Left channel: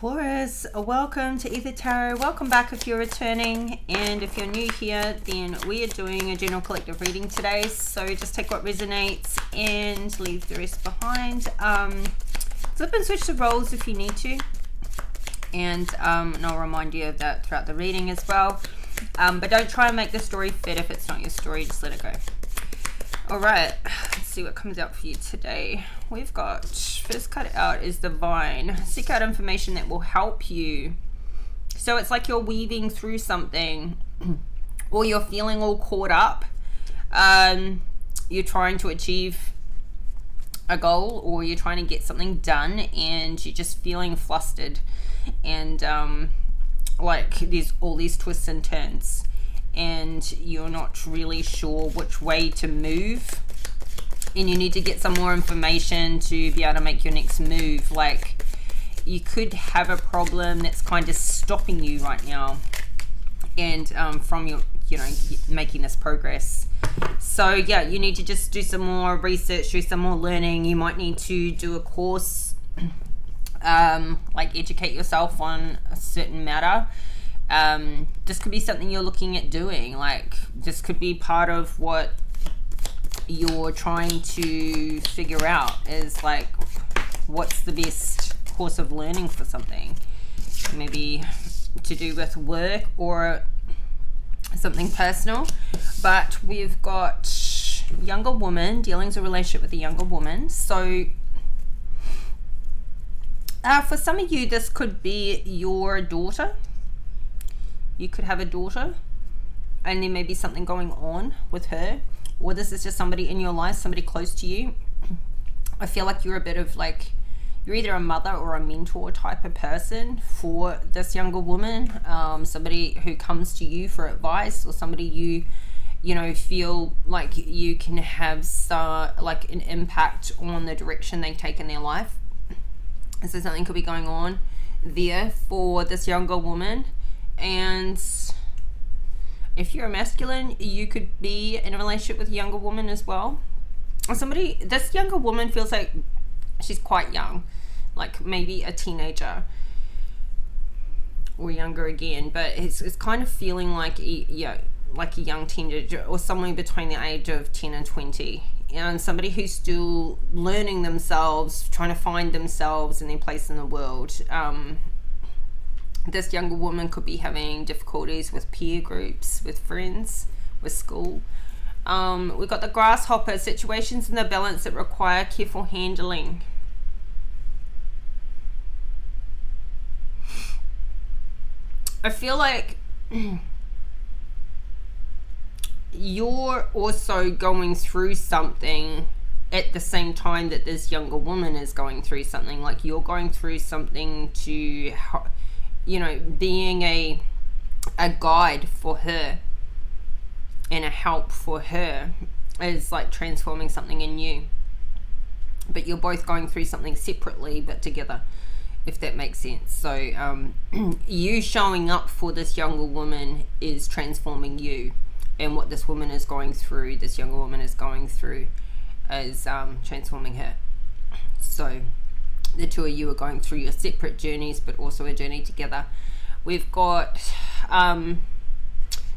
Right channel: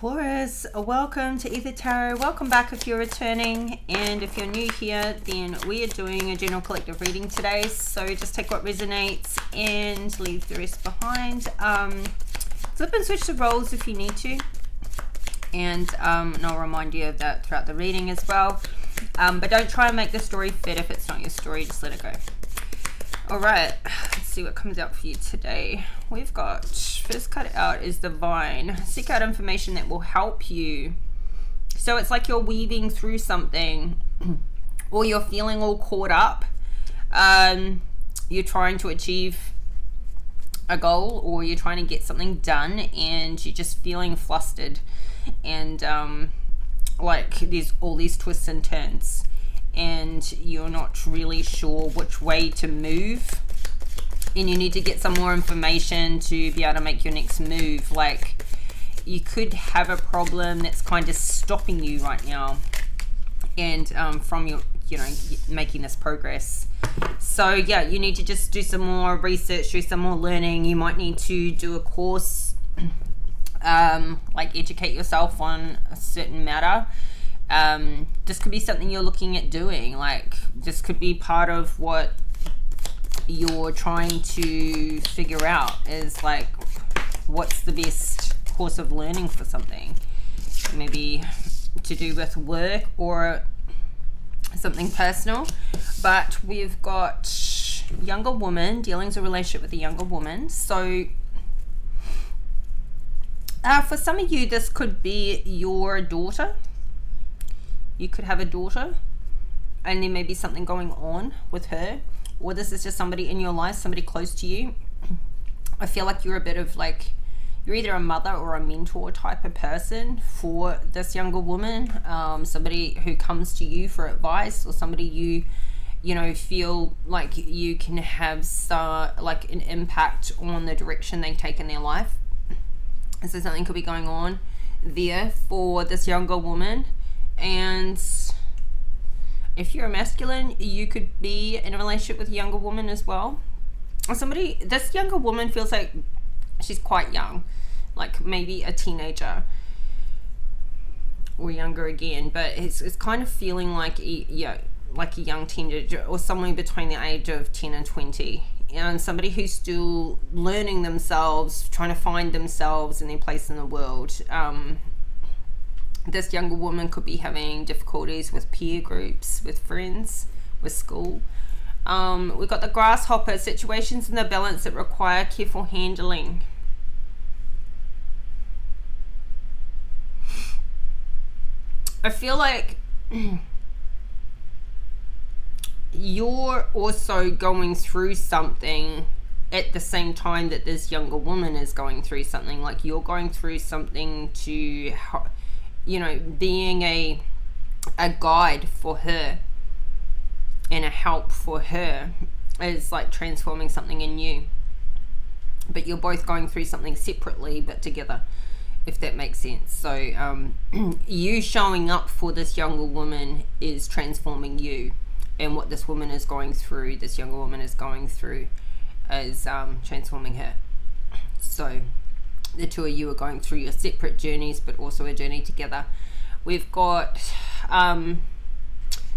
Taurus, welcome to Ether Tarot. Welcome back if you're returning, and if you're new here, then we are doing a general collective reading today, so just take what resonates and leave the rest behind. Flip and switch the roles if you need to, and I'll remind you of that throughout the reading as well, but don't try and make the story fit. If it's not your story, just let it go. Alright, let's see what comes out for you today. We've got, first card out is Divine. Seek out information that will help you. So it's like you're weaving through something, or you're feeling all caught up. You're trying to achieve a goal, or you're trying to get something done, and you're just feeling flustered. And like there's all these twists and turns, and you're not really sure which way to move, and you need to get some more information to be able to make your next move. Like you could have a problem that's kind of stopping you right now, and from your making this progress. So yeah, you need to just do some more research, do some more learning. You might need to do a course, like educate yourself on a certain matter. This could be something you're looking at doing. Like this could be part of what you're trying to figure out, is like what's the best course of learning for something, maybe to do with work or something personal. But we've got younger woman, dealing with a relationship with a younger woman. So for some of you, this could be your daughter. You could have a daughter, and there may be something going on with her, or this is just somebody in your life, somebody close to you. I feel like you're a bit of like, you're either a mother or a mentor type of person for this younger woman, somebody who comes to you for advice, or somebody you know feel like you can have like an impact on the direction they take in their life. So something could be going on there for this younger woman. And if you're a masculine, you could be in a relationship with a younger woman as well. This younger woman feels like she's quite young, like maybe a teenager or younger again, but it's kind of feeling like like a young teenager, or somewhere between the age of 10 and 20, and somebody who's still learning themselves, trying to find themselves and their place in the world. This younger woman could be having difficulties with peer groups, with friends, with school. We've got the grasshopper, situations in the balance that require careful handling. I feel like you're also going through something at the same time that this younger woman is going through something. Like you're going through something to, being a guide for her and a help for her is like transforming something in you. But you're both going through something separately but together, if that makes sense. So you showing up for this younger woman is transforming you, and what this woman is going through, this younger woman is going through, is transforming her. So the two of you are going through your separate journeys, but also a journey together. We've got,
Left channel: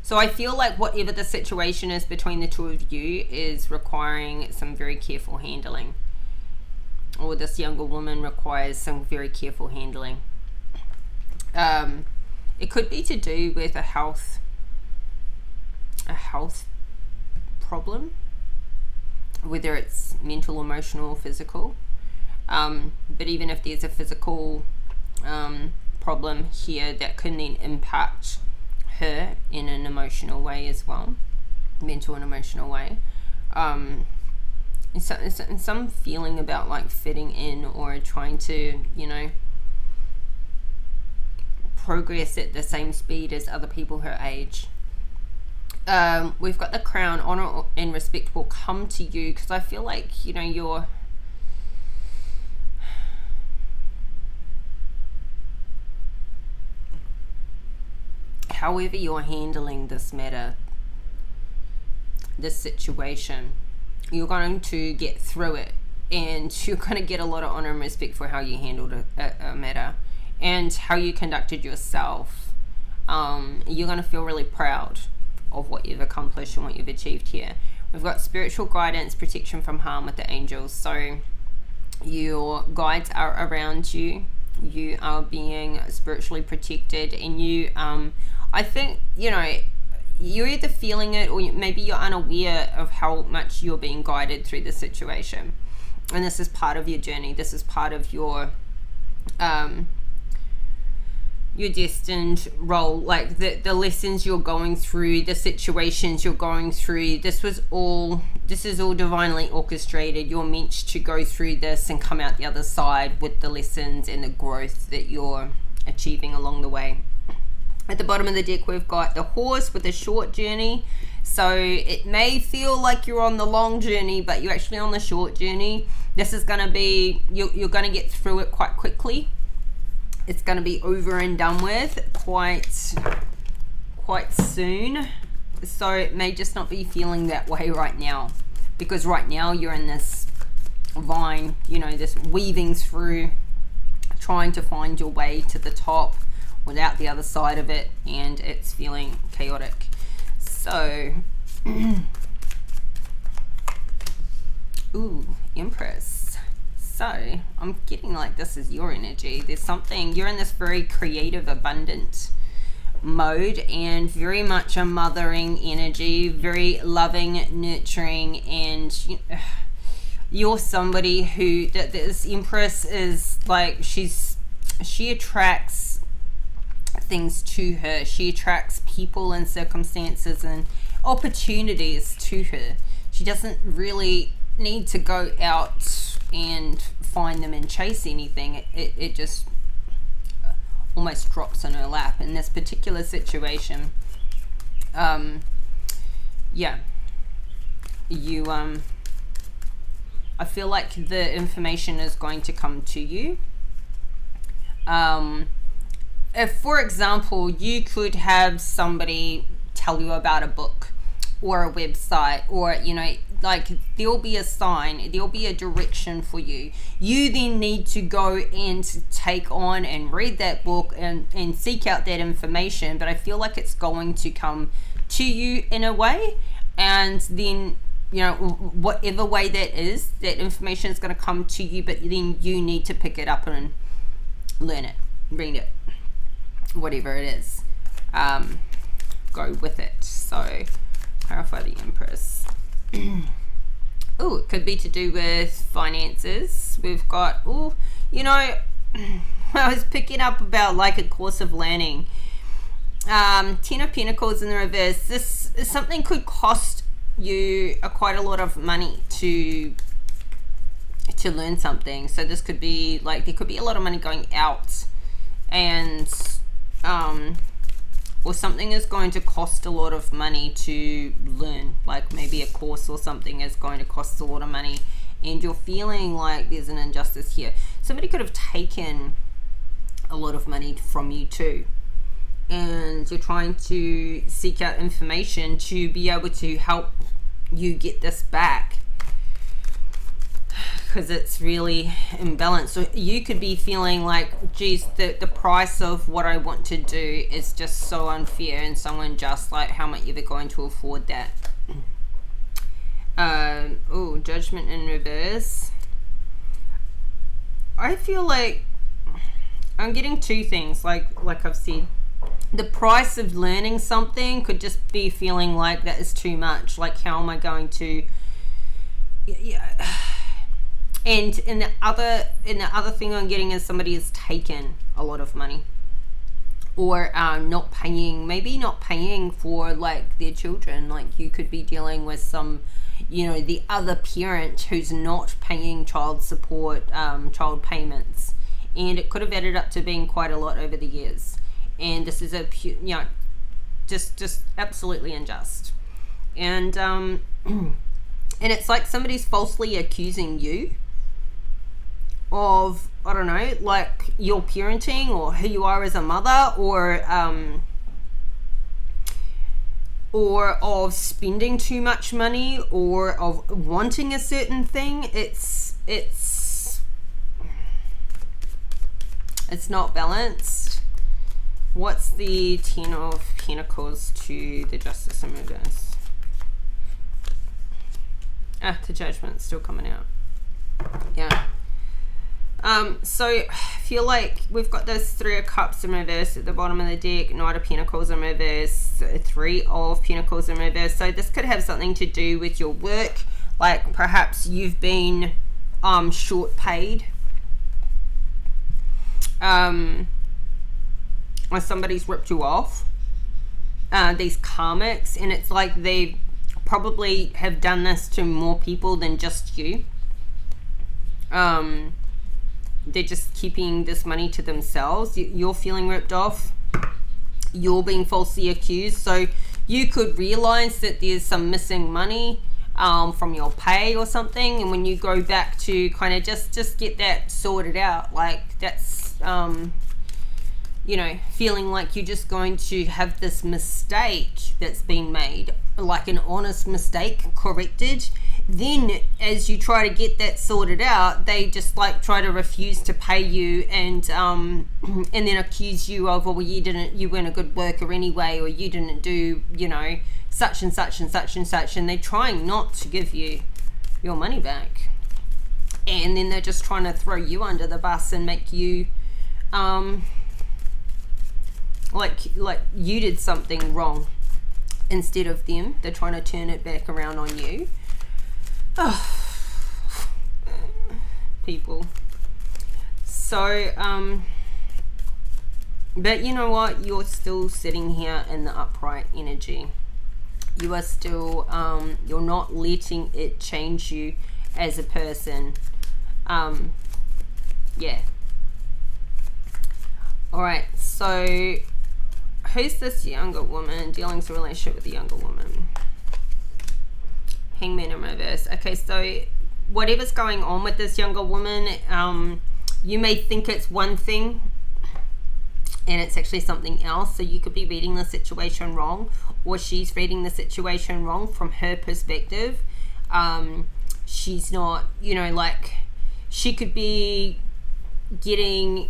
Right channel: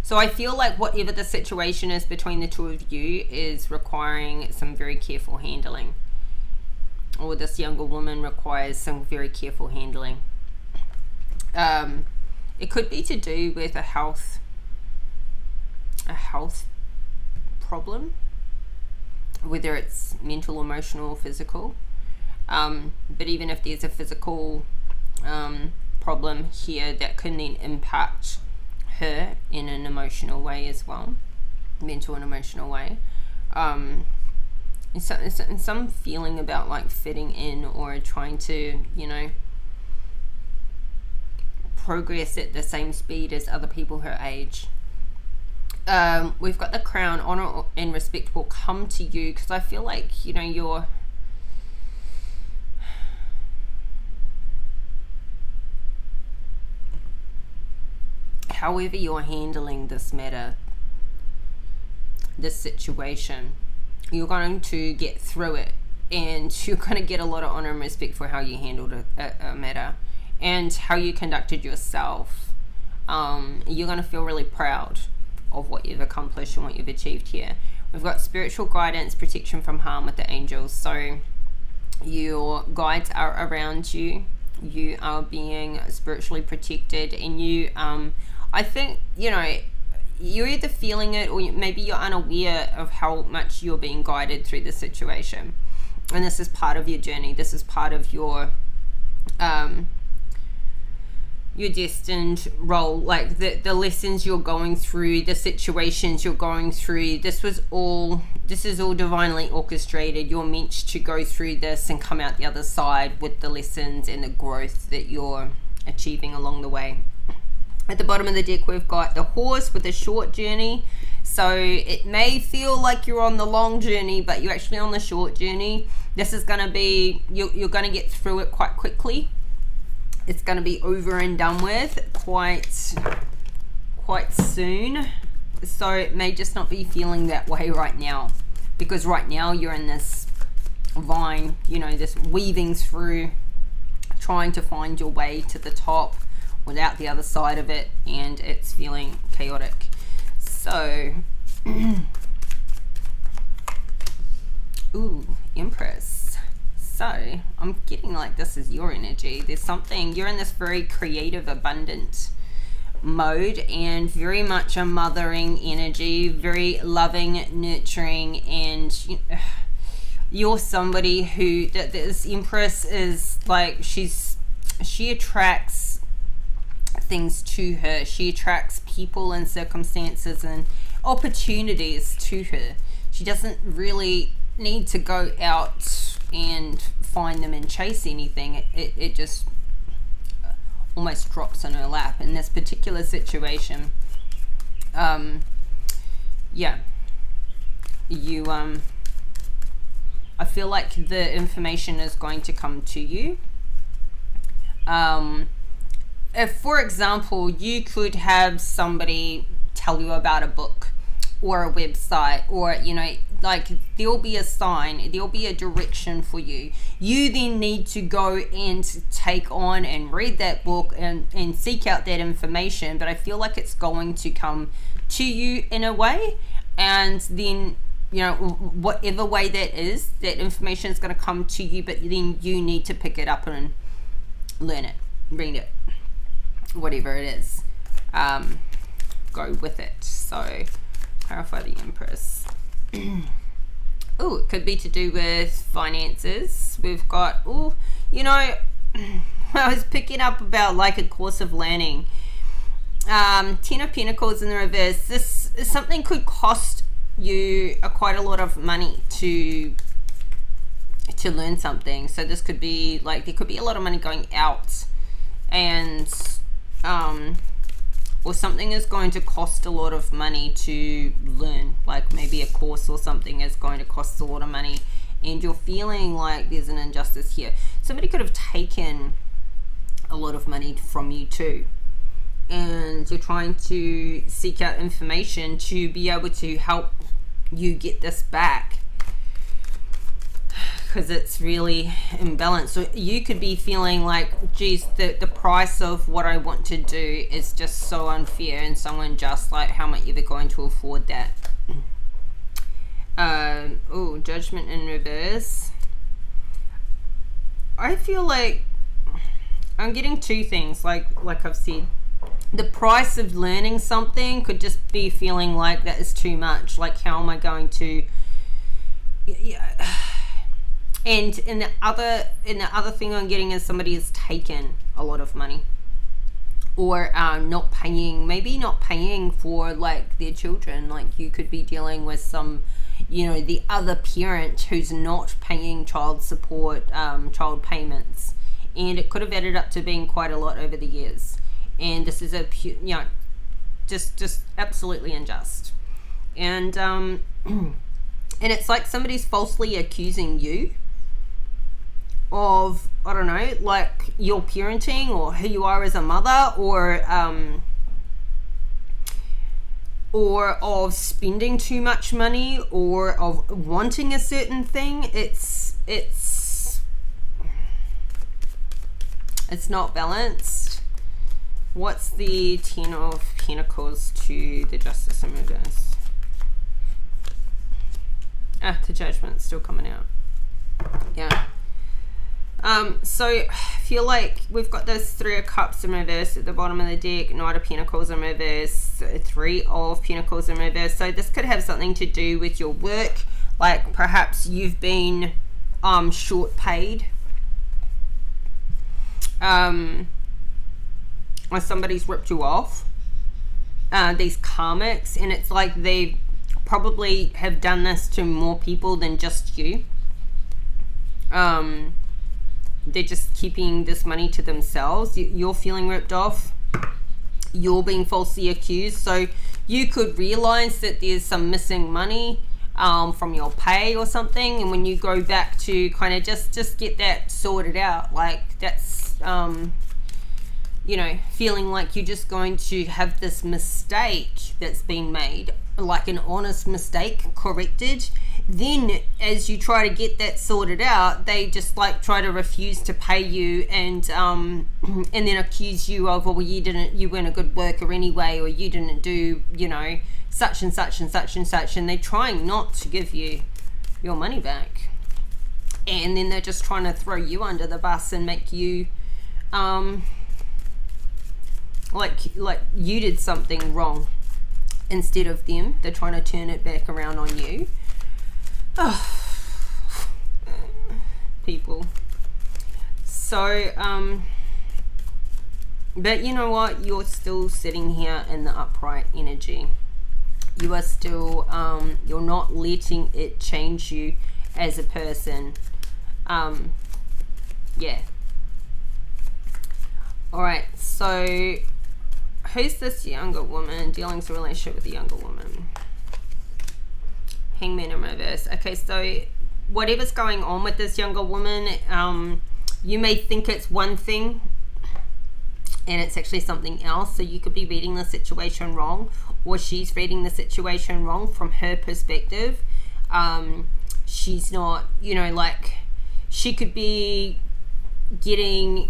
so I feel like whatever the situation is between the two of you is requiring some very careful handling, or this younger woman requires some very careful handling. It could be to do with a health problem, whether it's mental, emotional, or physical. But even if there's a physical problem here, that can then impact her in an emotional way as well, mental and emotional way. And some feeling about like fitting in, or trying to, progress at the same speed as other people her age. We've got the crown, honor and respect will come to you, because I feel like, you're however you're handling this matter, this situation, you're going to get through it, and you're going to get a lot of honor and respect for how you handled a matter. and how you conducted yourself. You're going to feel really proud of what you've accomplished and what you've achieved here. We've got spiritual guidance, protection from harm with the angels. So your guides are around you. You are being spiritually protected, and you, I think, you're either feeling it or maybe you're unaware of how much you're being guided through the situation. And this is part of your journey. This is part of your destined role, like the lessons you're going through, the situations you're going through. This is all divinely orchestrated. You're meant to go through this and come out the other side with the lessons and the growth that you're achieving along the way. At the bottom of the deck, we've got the horse with a short journey. So it may feel like you're on the long journey, but you're actually on the short journey. This is going to be, you're going to get through it quite quickly. It's going to be over and done with quite soon. So it may just not be feeling that way right now, because right now you're in this vine, this weaving through, trying to find your way to the top without the other side of it, and it's feeling chaotic. So ooh, Empress. So I'm getting like this is your energy. There's something, you're in this very creative, abundant mode, and very much a mothering energy, very loving, nurturing, and you're somebody who, this Empress is like, she attracts things to her. She attracts people and circumstances and opportunities to her. She doesn't really need to go out and find them and chase anything. It just almost drops in her lap in this particular situation. I feel like the information is going to come to you. If, for example, you could have somebody tell you about a book or a website, or like there'll be a sign, there'll be a direction for you. You then need to go and take on and read that book and seek out that information. But I feel like it's going to come to you in a way, and then whatever way that is, that information is going to come to you, but then you need to pick it up and learn it, read it, whatever it is, go with it. So clarify the Empress. Oh, it could be to do with finances. We've got, I was picking up about like a course of learning. 10 of Pentacles in the reverse. This is something could cost you quite a lot of money to learn something. So this could be like, there could be a lot of money going out, and or something is going to cost a lot of money to learn, like maybe a course or something is going to cost a lot of money, and you're feeling like there's an injustice here. Somebody could have taken a lot of money from you too, and you're trying to seek out information to be able to help you get this back, because it's really imbalanced. So you could be feeling like, geez, the price of what I want to do is just so unfair and so unjust. Like, how am I ever going to afford that? Judgment in reverse. I feel like I'm getting two things, like I've said. The price of learning something could just be feeling like that is too much. Like, how am I going to... And in the other thing I'm getting is somebody has taken a lot of money, or not paying for like their children. Like, you could be dealing with some, the other parent who's not paying child support, child payments, and it could have added up to being quite a lot over the years. And this is just absolutely unjust. And and it's like somebody's falsely accusing you of, I don't know, like your parenting or who you are as a mother, or of spending too much money, or of wanting a certain thing. It's It's not balanced. What's the Ten of Pentacles to the Justice in reverse? The Judgment's still coming out. Yeah. So I feel like we've got those Three of Cups in reverse at the bottom of the deck, Knight of Pentacles in reverse, Three of Pentacles in reverse. So this could have something to do with your work, like perhaps you've been short paid, or somebody's ripped you off, these karmics, and it's like they probably have done this to more people than just you. They're just keeping this money to themselves. You're feeling ripped off. You're being falsely accused. So you could realize that there's some missing money from your pay or something. And when you go back to kind of just get that sorted out, like that's, you know, feeling like you're just going to have this mistake that's been made, like an honest mistake corrected. Then as you try to get that sorted out, they just like try to refuse to pay you, and then accuse you of, well, you weren't a good worker anyway, or you didn't do, you know, such and such and such and such, and they're trying not to give you your money back, and then they're just trying to throw you under the bus and make you like you did something wrong instead of them. They're trying to turn it back around on you. Oh, people. So but you know what, you're still sitting here in the upright energy. You are still you're not letting it change you as a person. Yeah. All right, so who's this younger woman dealing with a relationship with a younger woman? Hangman in reverse. Okay, so whatever's going on with this younger woman, you may think it's one thing and it's actually something else. So you could be reading the situation wrong, or she's reading the situation wrong from her perspective. She's not, you know, like she could be getting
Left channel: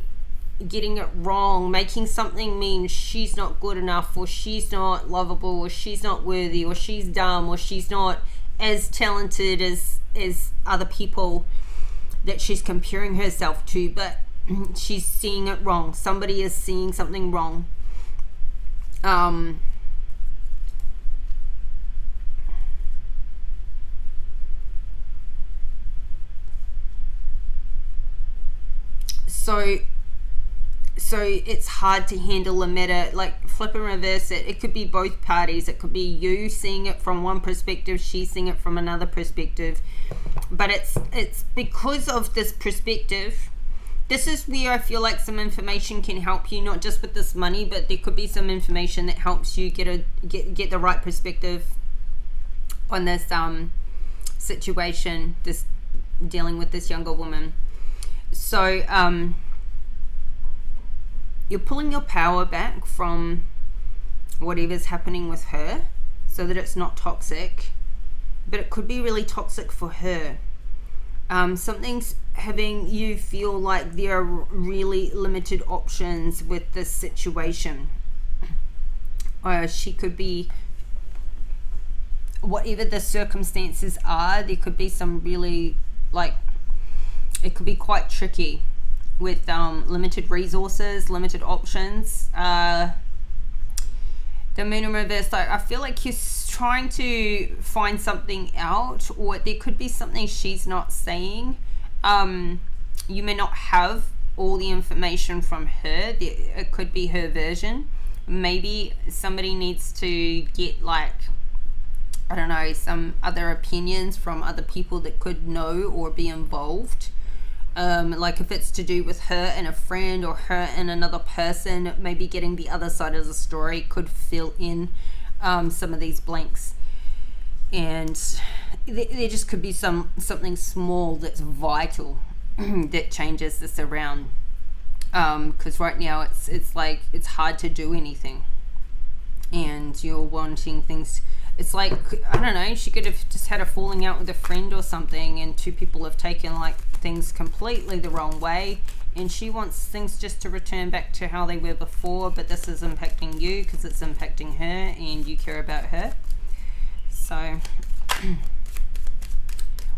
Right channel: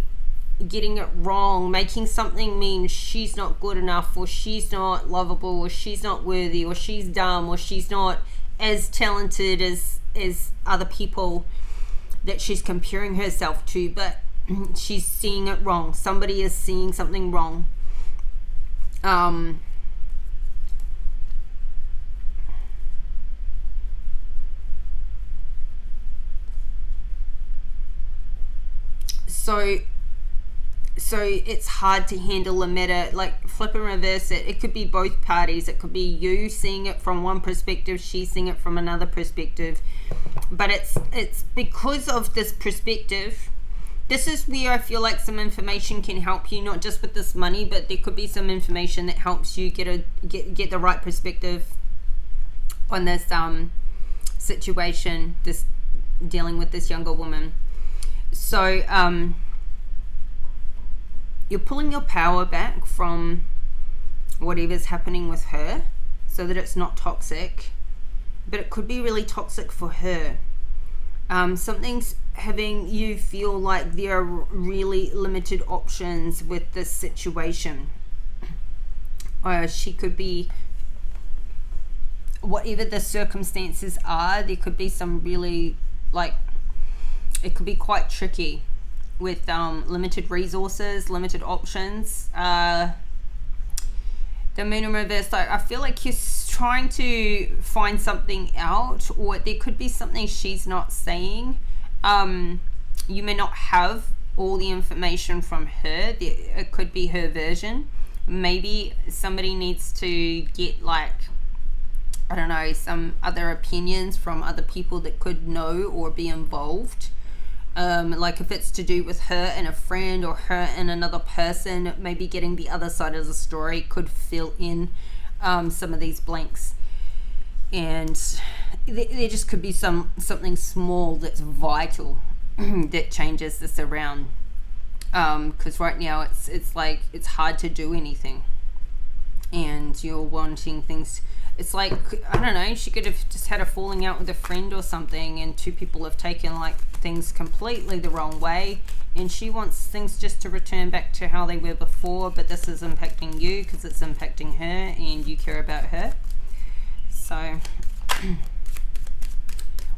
it wrong, making something mean she's not good enough, or she's not lovable, or she's not worthy, or she's dumb, or she's not as talented as other people that she's comparing herself to, but she's seeing it wrong. Somebody is seeing something wrong. So it's hard to handle a matter like flip and reverse it. It could be both parties. It could be you seeing it from one perspective, she's seeing it from another perspective. But it's because of this perspective. This is where I feel like some information can help you, not just with this money, but there could be some information that helps you get the right perspective on this situation, this dealing with this younger woman. So you're pulling your power back from whatever's happening with her so that it's not toxic, but it could be really toxic for her. Something's having you feel like there are really limited options with this situation. She could be, whatever the circumstances are, there could be some really, like, it could be quite tricky with limited resources, limited options. The moon in reverse, like, I feel like you're trying to find something out, or there could be something she's not saying. You may not have all the information from her. It could be her version. Maybe somebody needs to get, like, I don't know, some other opinions from other people that could know or be involved. Like if it's to do with her and a friend, or her and another person, maybe getting the other side of the story could fill in some of these blanks. And there just could be something small that's vital that changes this around, because right now it's like it's hard to do anything, and you're wanting things it's like, I don't know, she could have just had a falling out with a friend or something, and two people have taken like things completely the wrong way, and she wants things just to return back to how they were before, but this is impacting you because it's impacting her and you care about her. So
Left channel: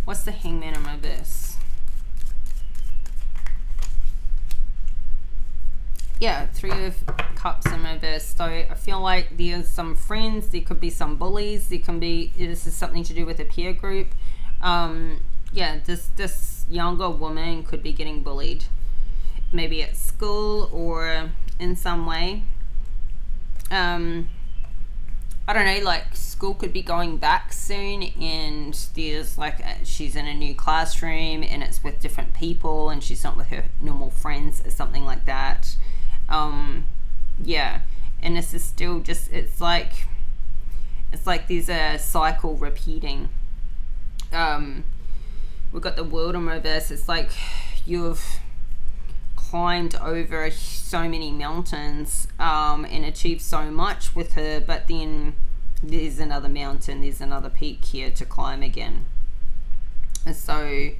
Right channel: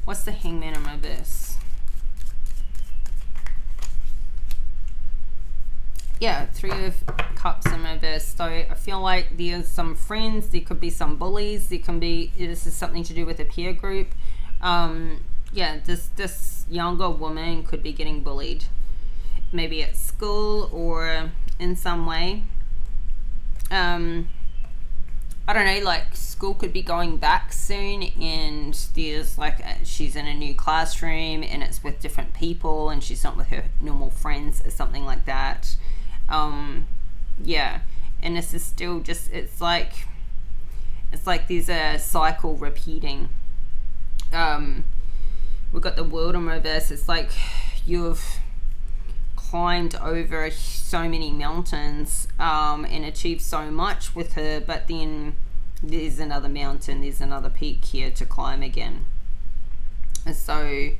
what's the Hangman in reverse? Yeah, Three of Cups in reverse. So I feel like there's some friends, there could be some bullies, there can be, this is something to do with a peer group. Yeah, this younger woman could be getting bullied, maybe at school or in some way. I don't know, like school could be going back soon, and there's like she's in a new classroom and it's with different people and she's not with her normal friends or something like that. Yeah, and this is still just, it's like there's a cycle repeating. We've got the World in reverse. It's like you've climbed over so many mountains and achieved so much with her, but then there's another mountain, there's another peak here to climb again. And so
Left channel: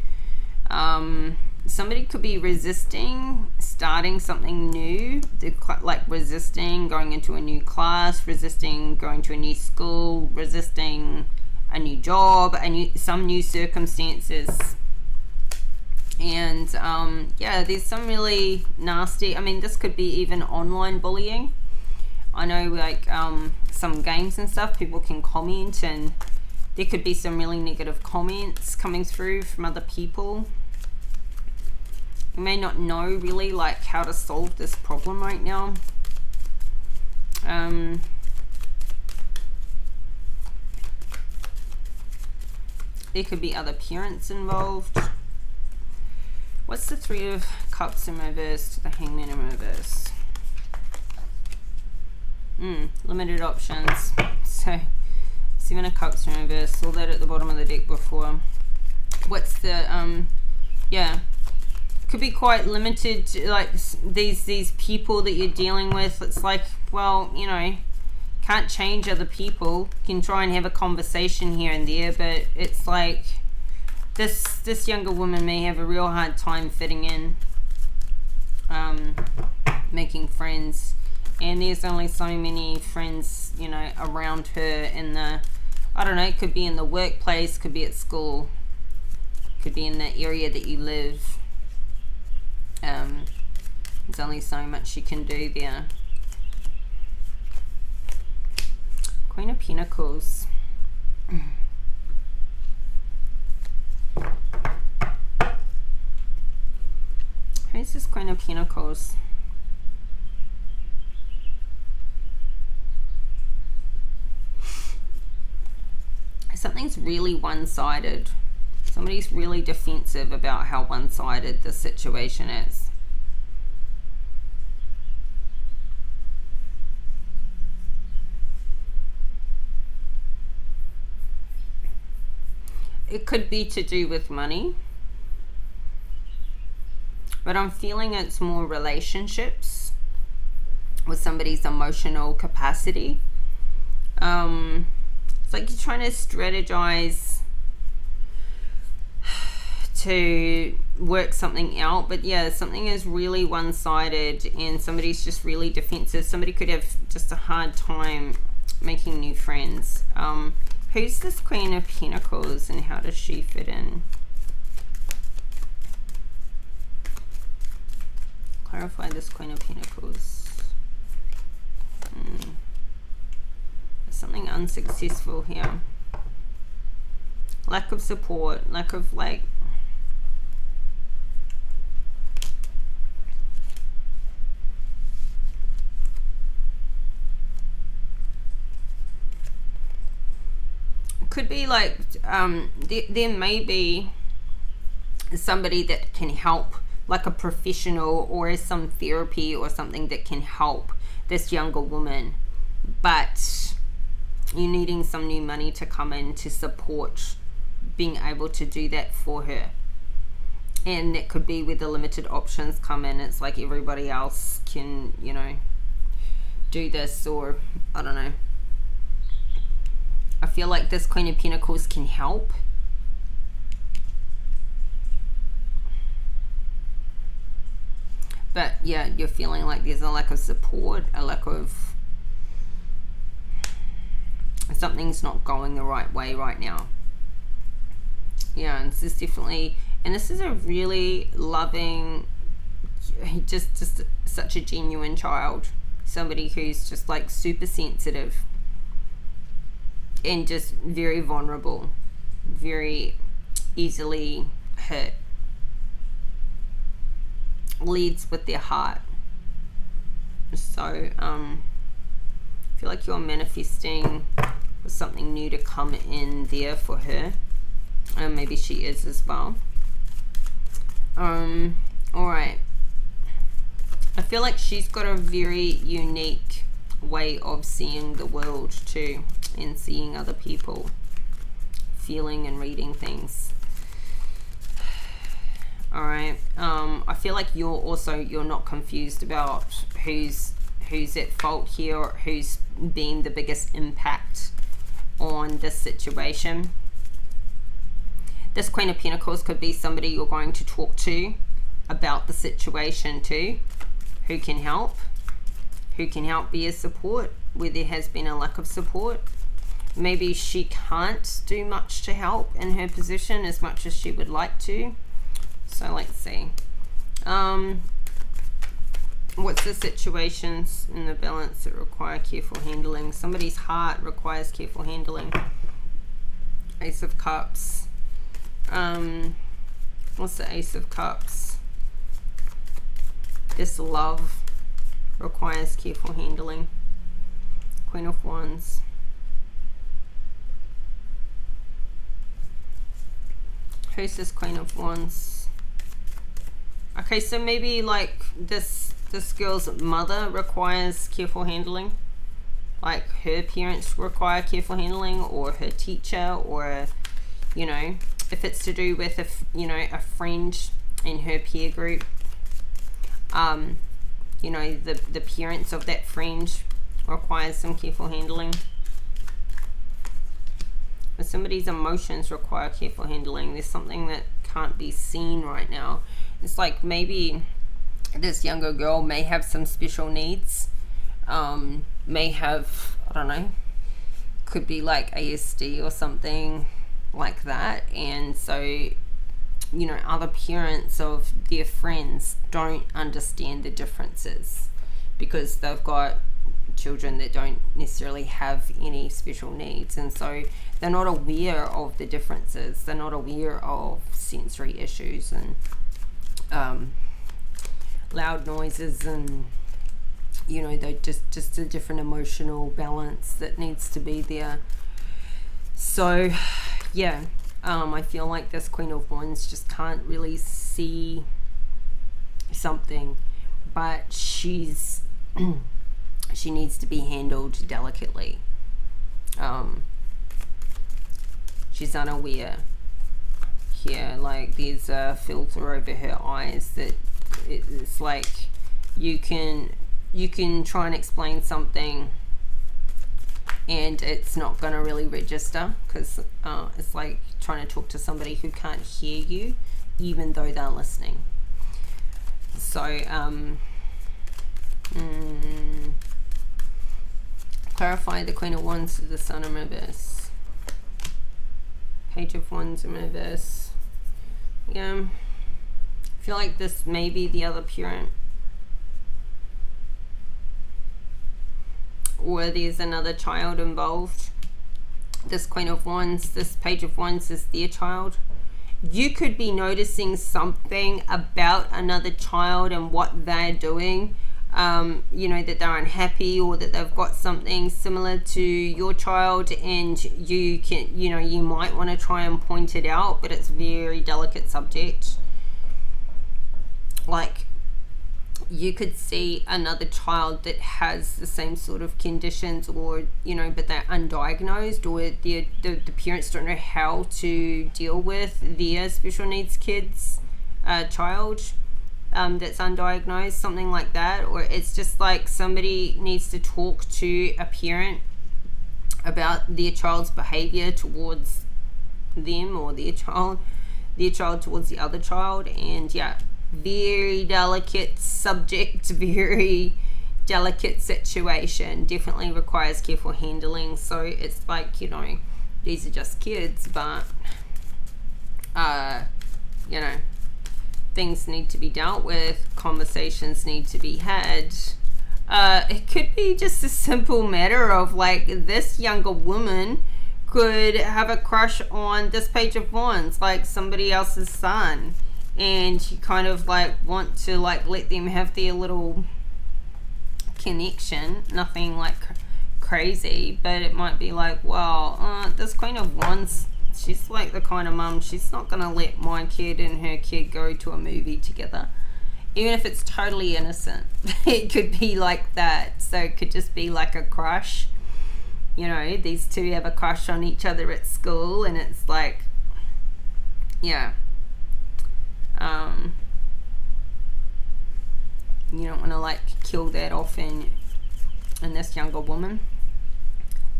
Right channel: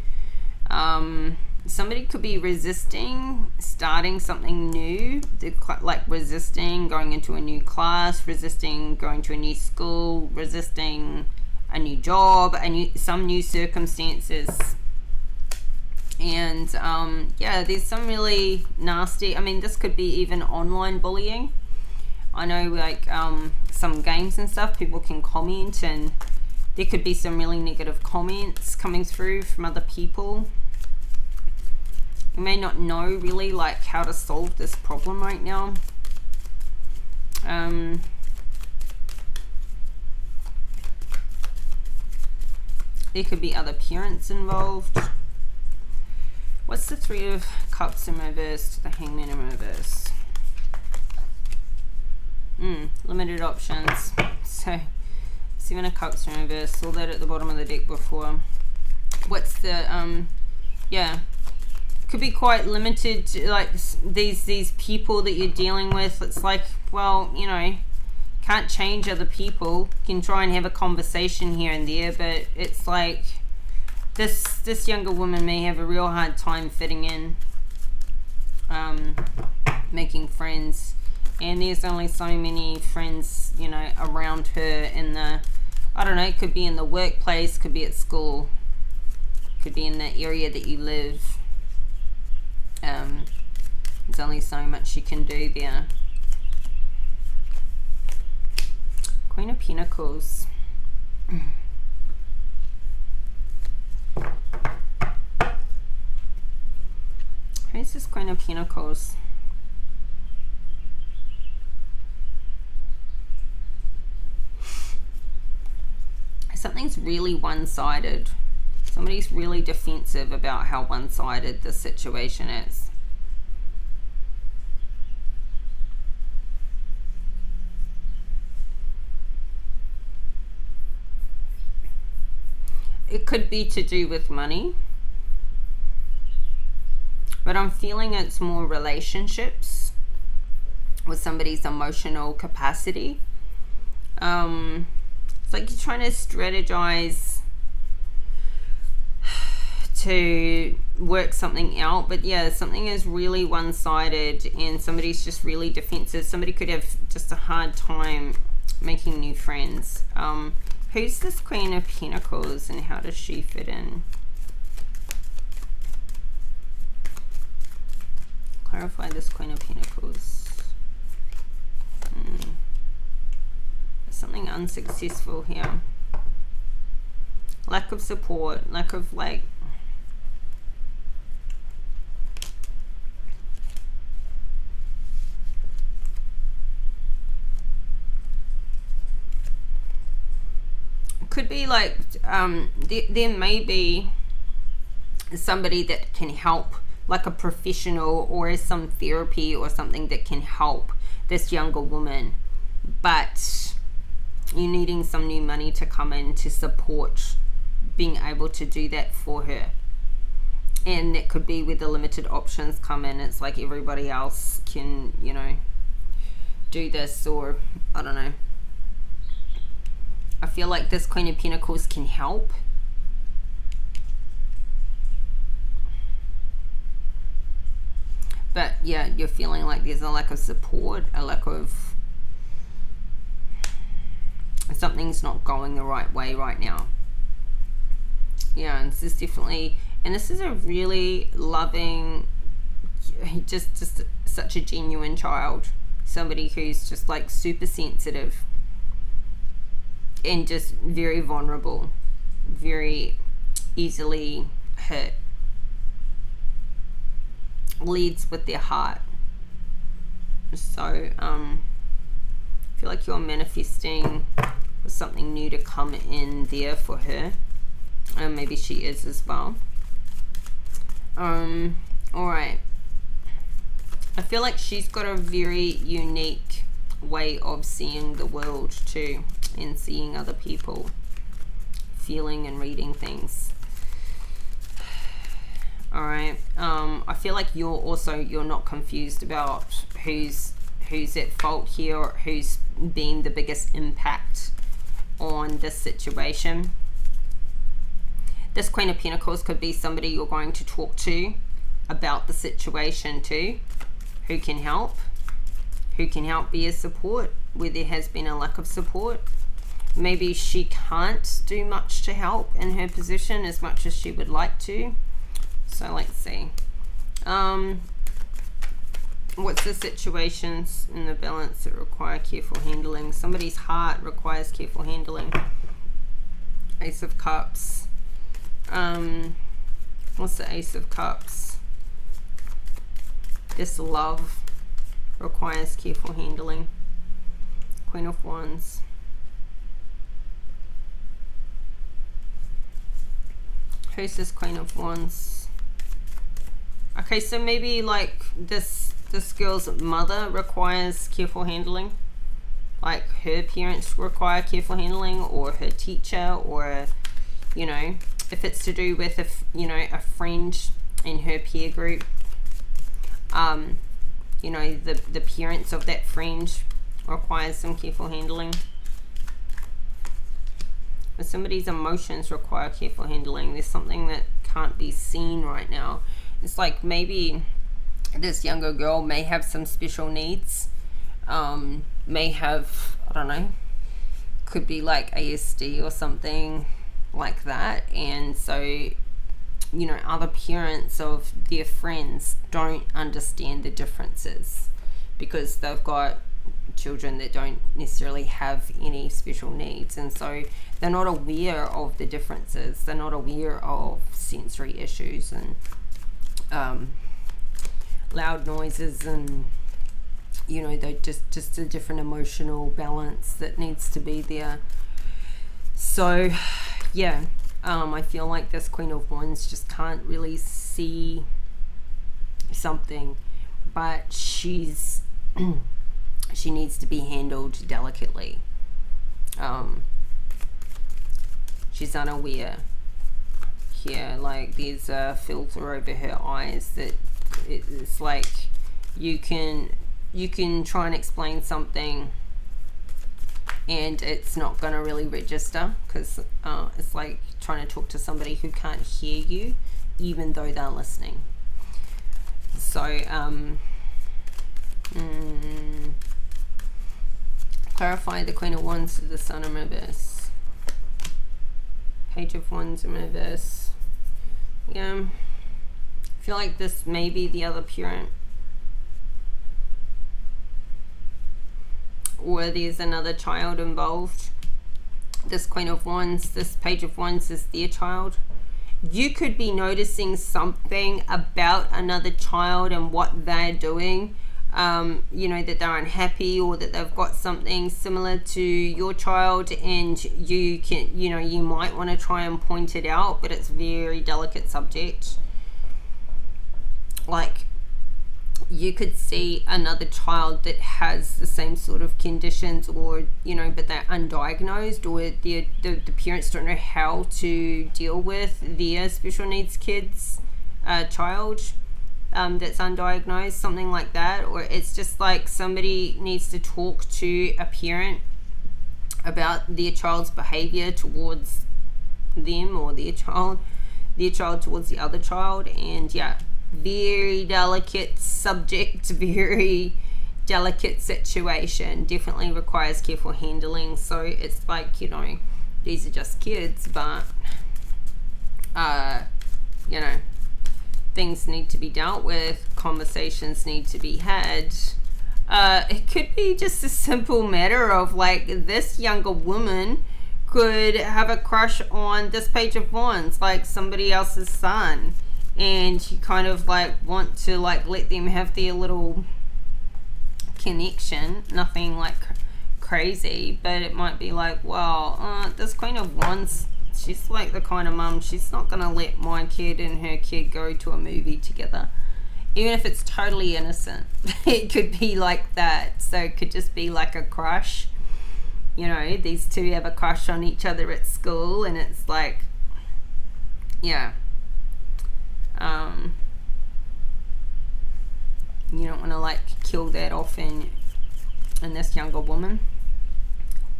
somebody could be resisting starting something new. They're like resisting going into a new class, resisting going to a new school, resisting a new job, some new circumstances. And yeah, there's some really nasty, I mean, this could be even online bullying. I know, like some games and stuff, people can comment, and there could be some really negative comments coming through from other people. You may not know really like how to solve this problem right now. There could be other parents involved. What's the Three of Cups in reverse to the Hangman in reverse? Limited options. So Seven of Cups in reverse. Saw that at the bottom of the deck before. What's the yeah, could be quite limited to, like these people that you're dealing with. It's like, well, you know, can't change other people. You can try and have a conversation here and there, but it's like this younger woman may have a real hard time fitting in, making friends, and there's only so many friends, you know, around her in the, I don't know, it could be in the workplace, could be at school, could be in the area that you live. There's only so much you can do there. Queen of Pentacles. Who's this Queen of Pentacles? Something's really one-sided. Somebody's really defensive about how one-sided the situation is. It could be to do with money, but I'm feeling it's more relationships with somebody's emotional capacity. It's like you're trying to strategize to work something out, but yeah, something is really one-sided and somebody's just really defensive. Somebody could have just a hard time making new friends. Who's this Queen of Pentacles and how does she fit in? Clarify this Queen of Pentacles. There's something unsuccessful here. Lack of support, lack of like, could be like there may be somebody that can help, like a professional or some therapy or something that can help this younger woman, but you're needing some new money to come in to support being able to do that for her. And that could be where the limited options come in. It's like everybody else can, you know, do this, or I don't know. I feel like this Queen of Pentacles can help. But yeah, you're feeling like there's a lack of support, a lack of... something's not going the right way right now. Yeah, and this is definitely... and this is a really loving, just such a genuine child. Somebody who's just like super sensitive. And just very vulnerable. Very easily hurt. Leads with their heart. So, I feel like you're manifesting for something new to come in there for her. And maybe she is as well. Alright. I feel like she's got a very unique way of seeing the world too. And seeing other people. Feeling and reading things. Alright. I feel like you're not confused about who's at fault here, or who's been the biggest impact on this situation. This Queen of Pentacles could be somebody you're going to talk to about the situation too, who can help be a support where there has been a lack of support. Maybe she can't do much to help in her position as much as she would like to. So let's see. What's the situations in the balance that require careful handling? Somebody's heart requires careful handling. Ace of Cups. What's the Ace of Cups? This love requires careful handling. Queen of Wands. Who's this Queen of Wands? Okay, so maybe like this girl's mother requires careful handling. Like her parents require careful handling, or her teacher, or, you know, if it's to do with a friend in her peer group. You know, the parents of that friend requires some careful handling. If somebody's emotions require careful handling, there's something that can't be seen right now. It's like maybe this younger girl may have some special needs, may have, I don't know, could be like ASD or something like that. And so, you know, other parents of their friends don't understand the differences because they've got children that don't necessarily have any special needs, and so they're not aware of the differences. They're not aware of sensory issues and loud noises, and you know, they're just a different emotional balance that needs to be there. So yeah, I feel like this Queen of Wands just can't really see something, but she's she needs to be handled delicately. She's unaware here, like there's a filter over her eyes that it's like you can try and explain something and it's not going to really register, because it's like trying to talk to somebody who can't hear you even though they're listening. So clarify the Queen of Wands to the Sun in reverse. Page of Wands in reverse. Yeah, I feel like this may be the other parent, or there's another child involved. This Queen of Wands, this Page of Wands is their child. You could be noticing something about another child and what they're doing. You know, that they're unhappy, or that they've got something similar to your child, and you can, you know, you might want to try and point it out, but it's very delicate subject. Like you could see another child that has the same sort of conditions, or you know, but they're undiagnosed, or the parents don't know how to deal with their special needs kids child that's undiagnosed, something like that. Or it's just like somebody needs to talk to a parent about their child's behavior towards them, or their child towards the other child. And yeah, very delicate subject, very delicate situation, definitely requires careful handling. So it's like, you know, these are just kids, but you know, things need to be dealt with, conversations need to be had. It could be just a simple matter of like, this younger woman could have a crush on this Page of Wands, like somebody else's son, and you kind of like want to like let them have their little connection, nothing like crazy, but it might be like, well, this Queen of Wands, she's like the kind of mum, she's not gonna let my kid and her kid go to a movie together, even if it's totally innocent. It could be like that. So it could just be like a crush, you know, these two have a crush on each other at school, and it's like, yeah, you don't want to like kill that off in this younger woman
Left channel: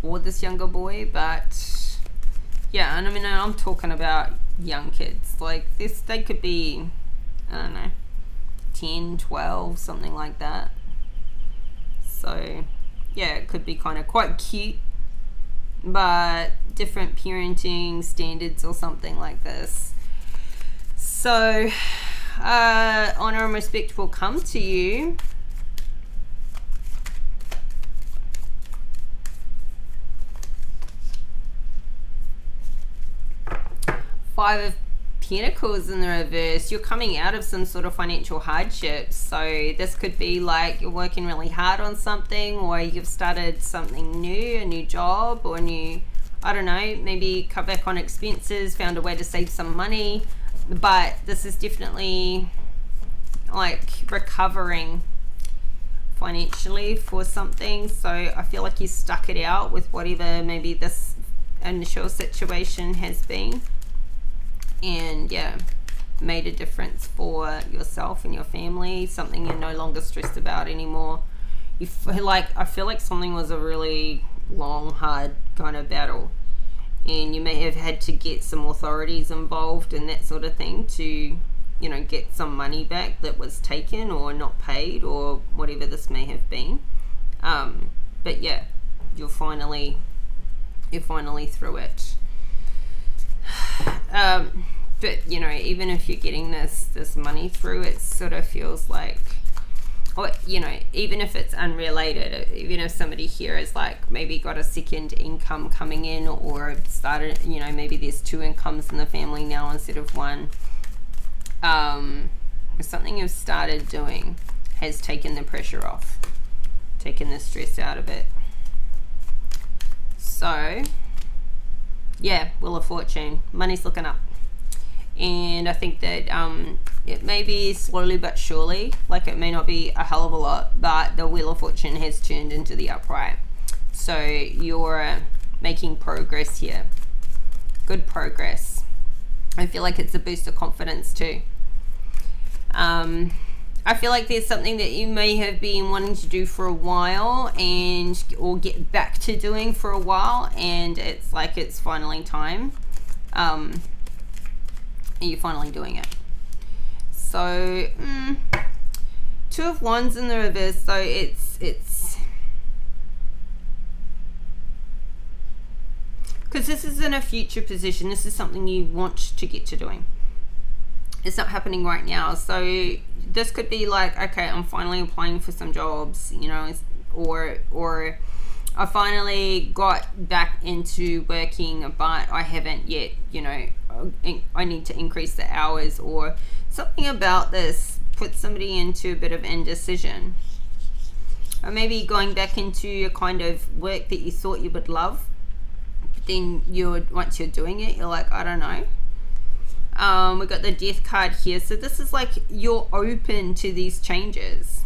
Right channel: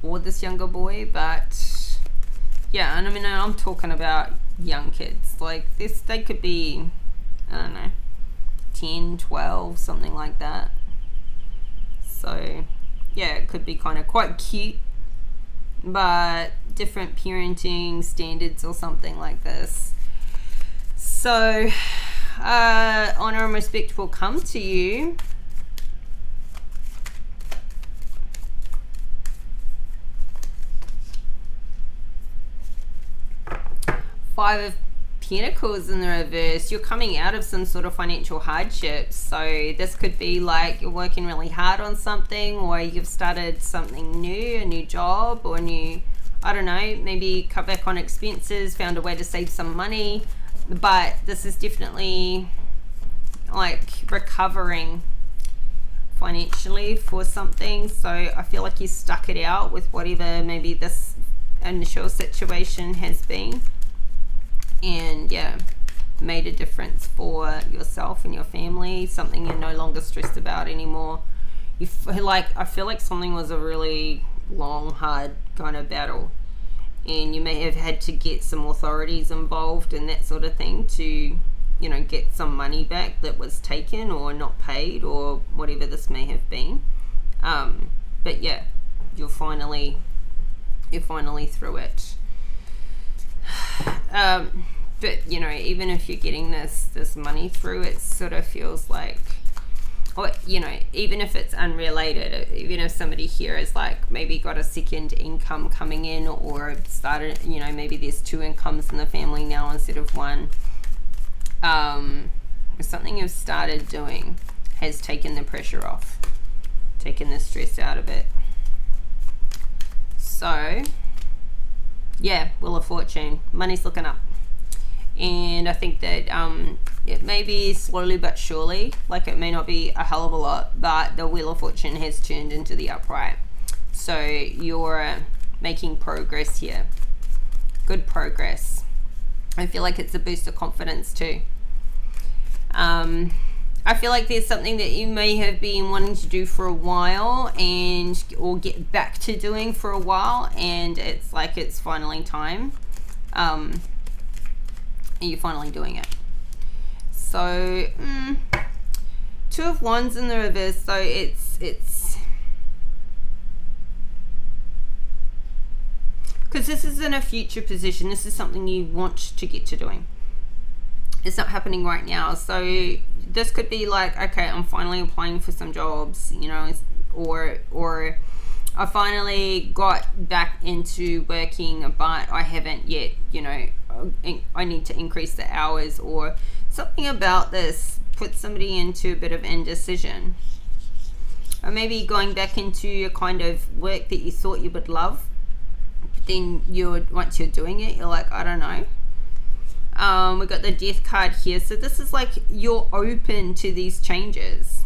or this younger boy. But yeah, and I mean, I'm talking about young kids, like this, they could be, I don't know, 10, 12, something like that. So yeah, it could be kind of quite cute, but different parenting standards or something like this. So honor and respect will come to you. Five of Pentacles in the reverse. You're coming out of some sort of financial hardship. So this could be like you're working really hard on something, or you've started something new, a new job, or new, I don't know, maybe cut back on expenses, found a way to save some money. But this is definitely like recovering financially for something. So I feel like you stuck it out with whatever maybe this initial situation has been, and yeah, made a difference for yourself and your family, something you're no longer stressed about anymore. You feel like, I feel like something was a really long, hard kind of battle, and you may have had to get some authorities involved and that sort of thing to, you know, get some money back that was taken or not paid or whatever this may have been. But yeah, you're finally through it. But you know, even if you're getting this money through, it sort of feels like, or you know, even if it's unrelated, even if somebody here is like maybe got a second income coming in, or started, you know, maybe there's two incomes in the family now instead of one, something you've started doing has taken the pressure off, taken the stress out of it. So yeah, Wheel of Fortune, money's looking up. And I think that it may be slowly but surely, like it may not be a hell of a lot, but the Wheel of Fortune has turned into the upright. So you're making progress here. Good progress. I feel like it's a boost of confidence too. I feel like there's something that you may have been wanting to do for a while, and or get back to doing for a while, and it's like it's finally time. And you're finally doing it. So Two of Wands in the reverse. So it's because this is in a future position. This is something you want to get to doing. It's not happening right now. So this could be like, okay, I'm finally applying for some jobs, you know, or I finally got back into working, but I haven't yet, you know, I need to increase the hours, or something about this puts somebody into a bit of indecision. Or maybe going back into a kind of work that you thought you would love, but then once you're doing it, you're like, I don't know. We got the Death card here. So this is like, you're open to these changes.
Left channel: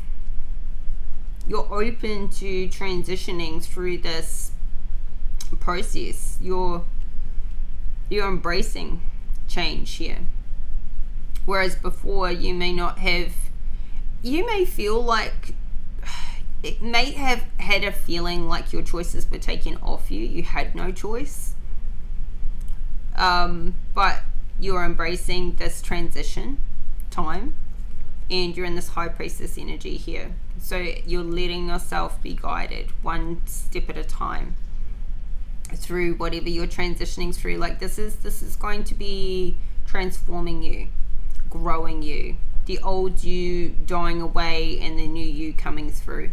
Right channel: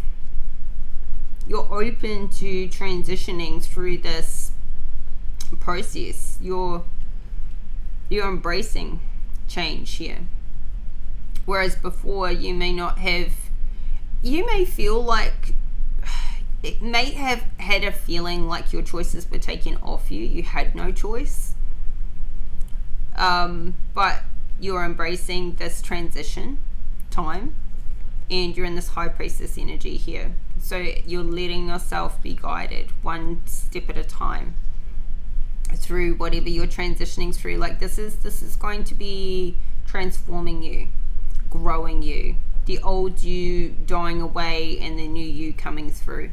You're open to transitioning through this process. You're embracing change here. Whereas before, you may not have, you may feel like it may have had a feeling like your choices were taken off you. You had no choice. But you're embracing this transition time, and you're in this high priestess energy here. So you're letting yourself be guided one step at a time through whatever you're transitioning through. Like this is going to be transforming you, growing you, the old you dying away and the new you coming through.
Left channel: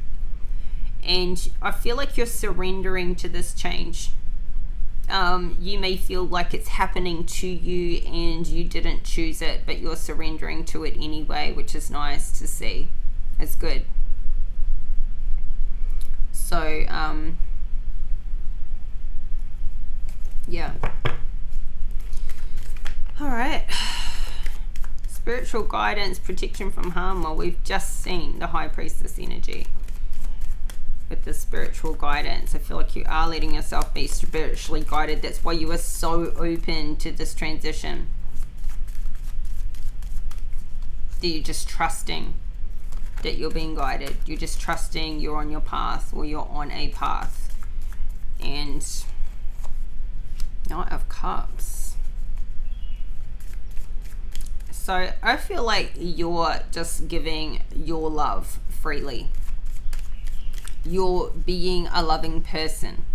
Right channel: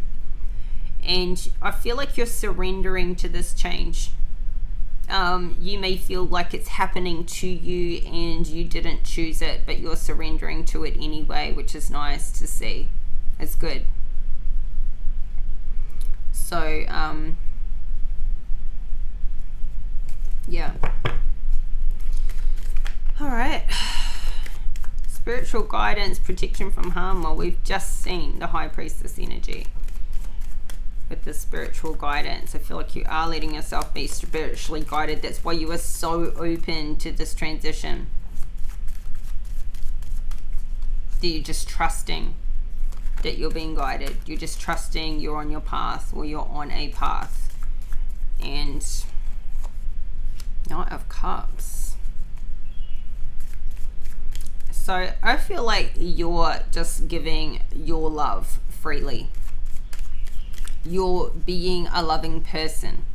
And I feel like you're surrendering to this change. You may feel like it's happening to you and you didn't choose it, but you're surrendering to it anyway, which is nice to see. It's good. So yeah. All right. Spiritual guidance, protection from harm. Well, we've just seen the high priestess energy with the spiritual guidance. I feel like you are letting yourself be spiritually guided. That's why you are so open to this transition. That you're just trusting that you're being guided. You're just trusting you're on your path, or you're on a path. And Knight of Cups. So I feel like you're just giving your love freely. You're being a loving person.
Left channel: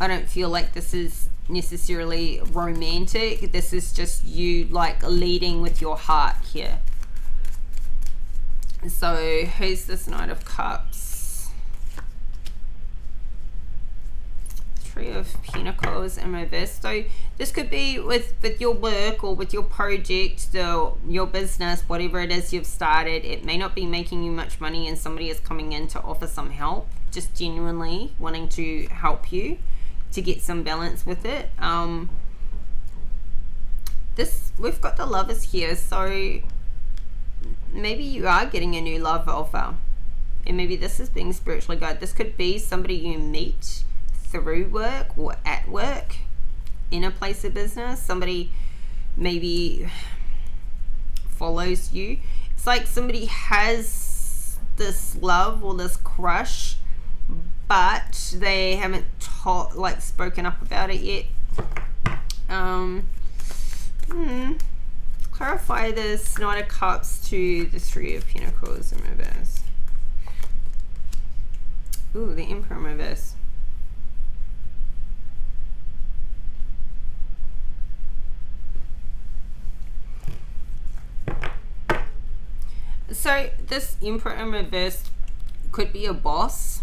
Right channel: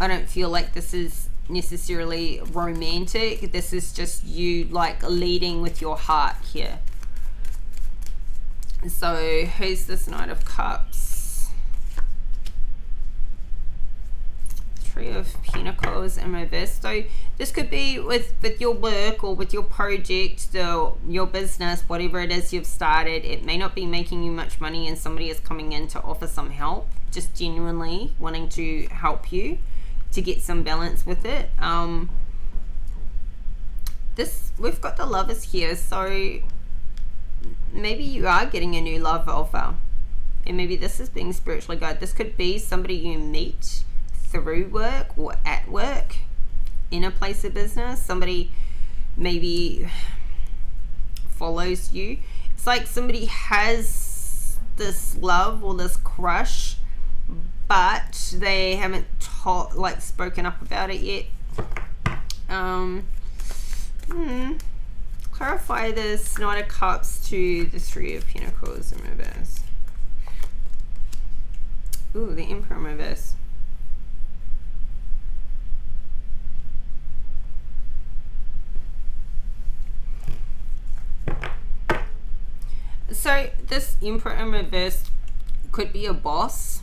I don't feel like this is necessarily romantic. This is just you like leading with your heart here. So who's this Knight of Cups? Three of Pentacles in reverse. So this could be with your work or with your project, your business, whatever it is you've started. It may not be making you much money and somebody is coming in to offer some help, just genuinely wanting to help you to get some balance with it. We've got the Lovers here, so maybe you are getting a new love offer, and maybe this is being spiritually guided. This could be somebody you meet through work or at work, in a place of business. Somebody maybe follows you. It's like somebody has this love or this crush, but they haven't spoken up about it yet. Clarify this Knight of Cups to the Three of Pentacles in reverse. Ooh, the Emperor in reverse. So this Emperor in reverse could be a boss,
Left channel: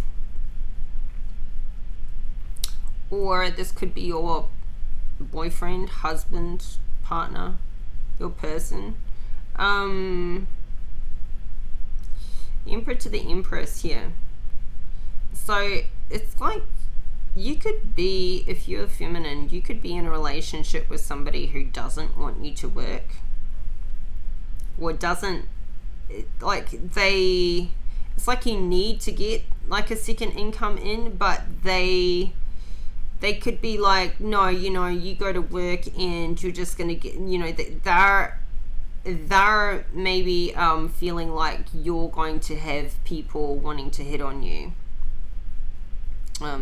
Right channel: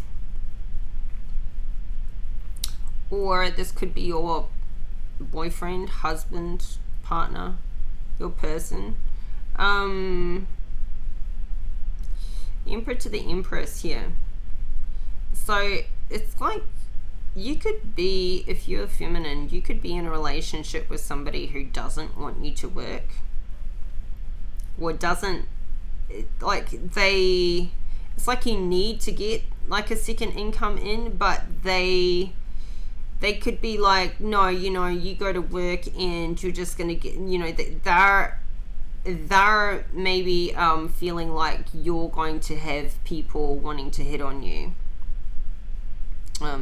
or this could be your boyfriend, husband, partner, your person. The Emperor to the Empress here. So it's like you could be, if you're feminine, you could be in a relationship with somebody who doesn't want you to work, or doesn't, like it's like you need to get like a second income in, but they could be like, no, you go to work and you're just gonna get, they're maybe feeling like you're going to have people wanting to hit on you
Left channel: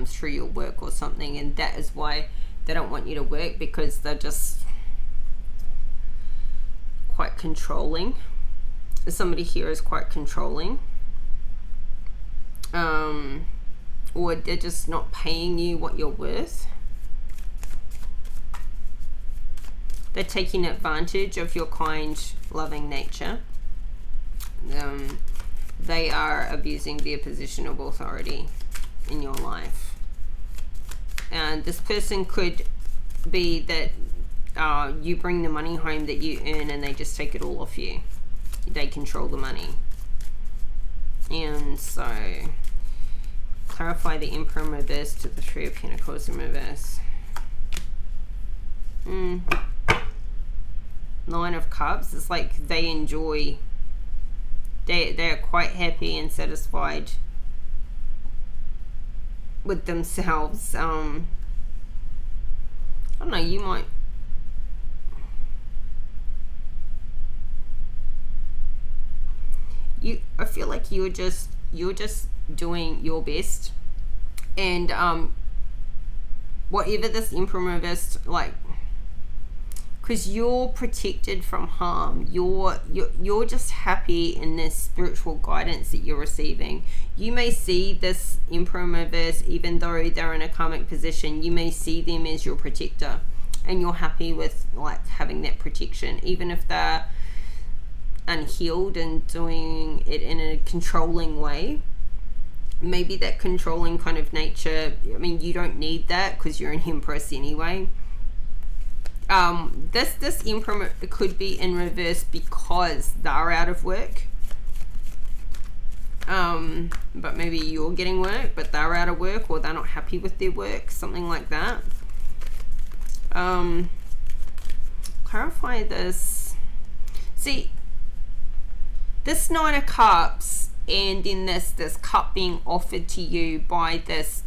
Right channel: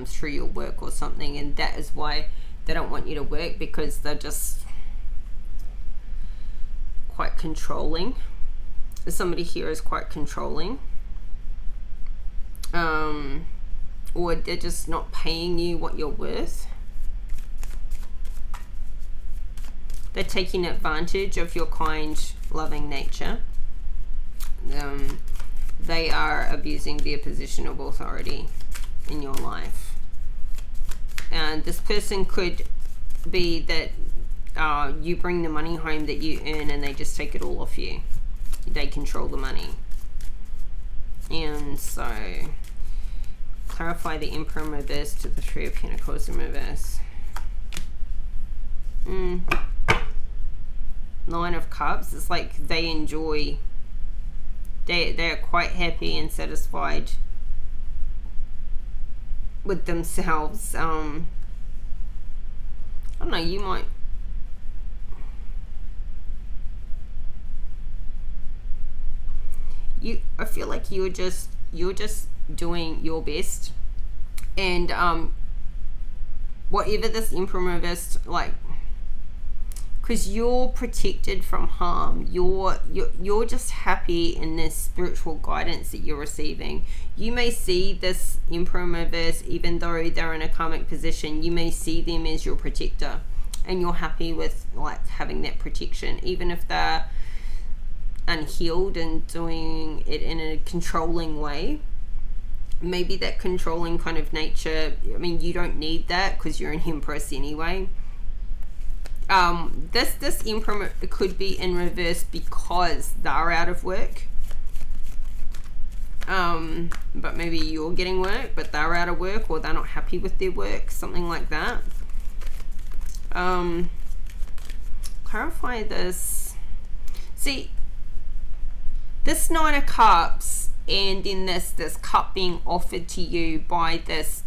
through your work or something, and that is why they don't want you to work, because they're just quite controlling. Somebody here is quite controlling, or they're just not paying you what you're worth. They're taking advantage of your kind, loving nature. They are abusing their position of authority in your life. And this person could be that you bring the money home that you earn and they just take it all off you. They control the money. And so clarify the Emperor in reverse to the Three of Pentacles in reverse. Nine of Cups. It's like they enjoy, they're quite happy and satisfied with themselves. I don't know, you might, I feel like you're just you're just doing your best, and whatever this Emperor reversed, like, because you're protected from harm, you're just happy in this spiritual guidance that you're receiving. You may see this Emperor reverse, even though they're in a karmic position, you may see them as your protector, and you're happy with like having that protection, even if they're unhealed and doing it in a controlling way. Maybe that controlling kind of nature, I mean, you don't need that because you're an Empress anyway. This Emperor could be in reverse because they're out of work, but maybe you're getting work but they're out of work, or they're not happy with their work, something like that. Clarify this. See, this Nine of Cups, and then this cup being offered to you by this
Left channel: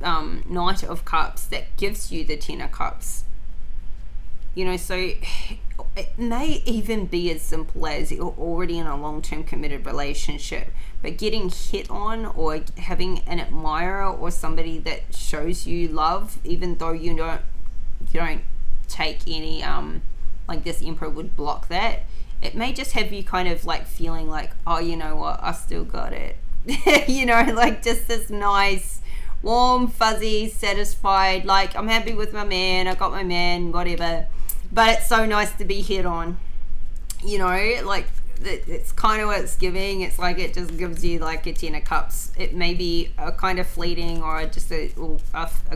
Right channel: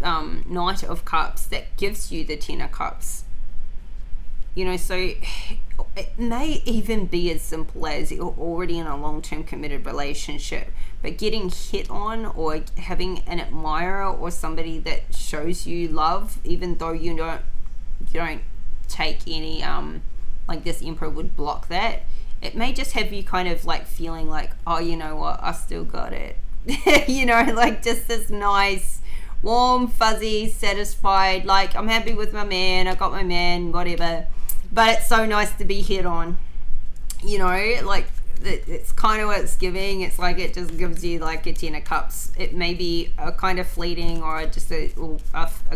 Knight of Cups, that gives you the Ten of Cups. You know, so it may even be as simple as you're already in a long-term committed relationship, but getting hit on, or having an admirer or somebody that shows you love, even though you don't take any, like this Emperor would block that. It may just have you kind of like feeling like, oh, you know what, I still got it. You know, like just this nice, warm, fuzzy, satisfied, like I'm happy with my man, I got my man, whatever. But it's so nice to be hit on, you know, like it's kind of what it's giving. It's like it just gives you like a Ten of Cups. It may be a kind of fleeting, or just a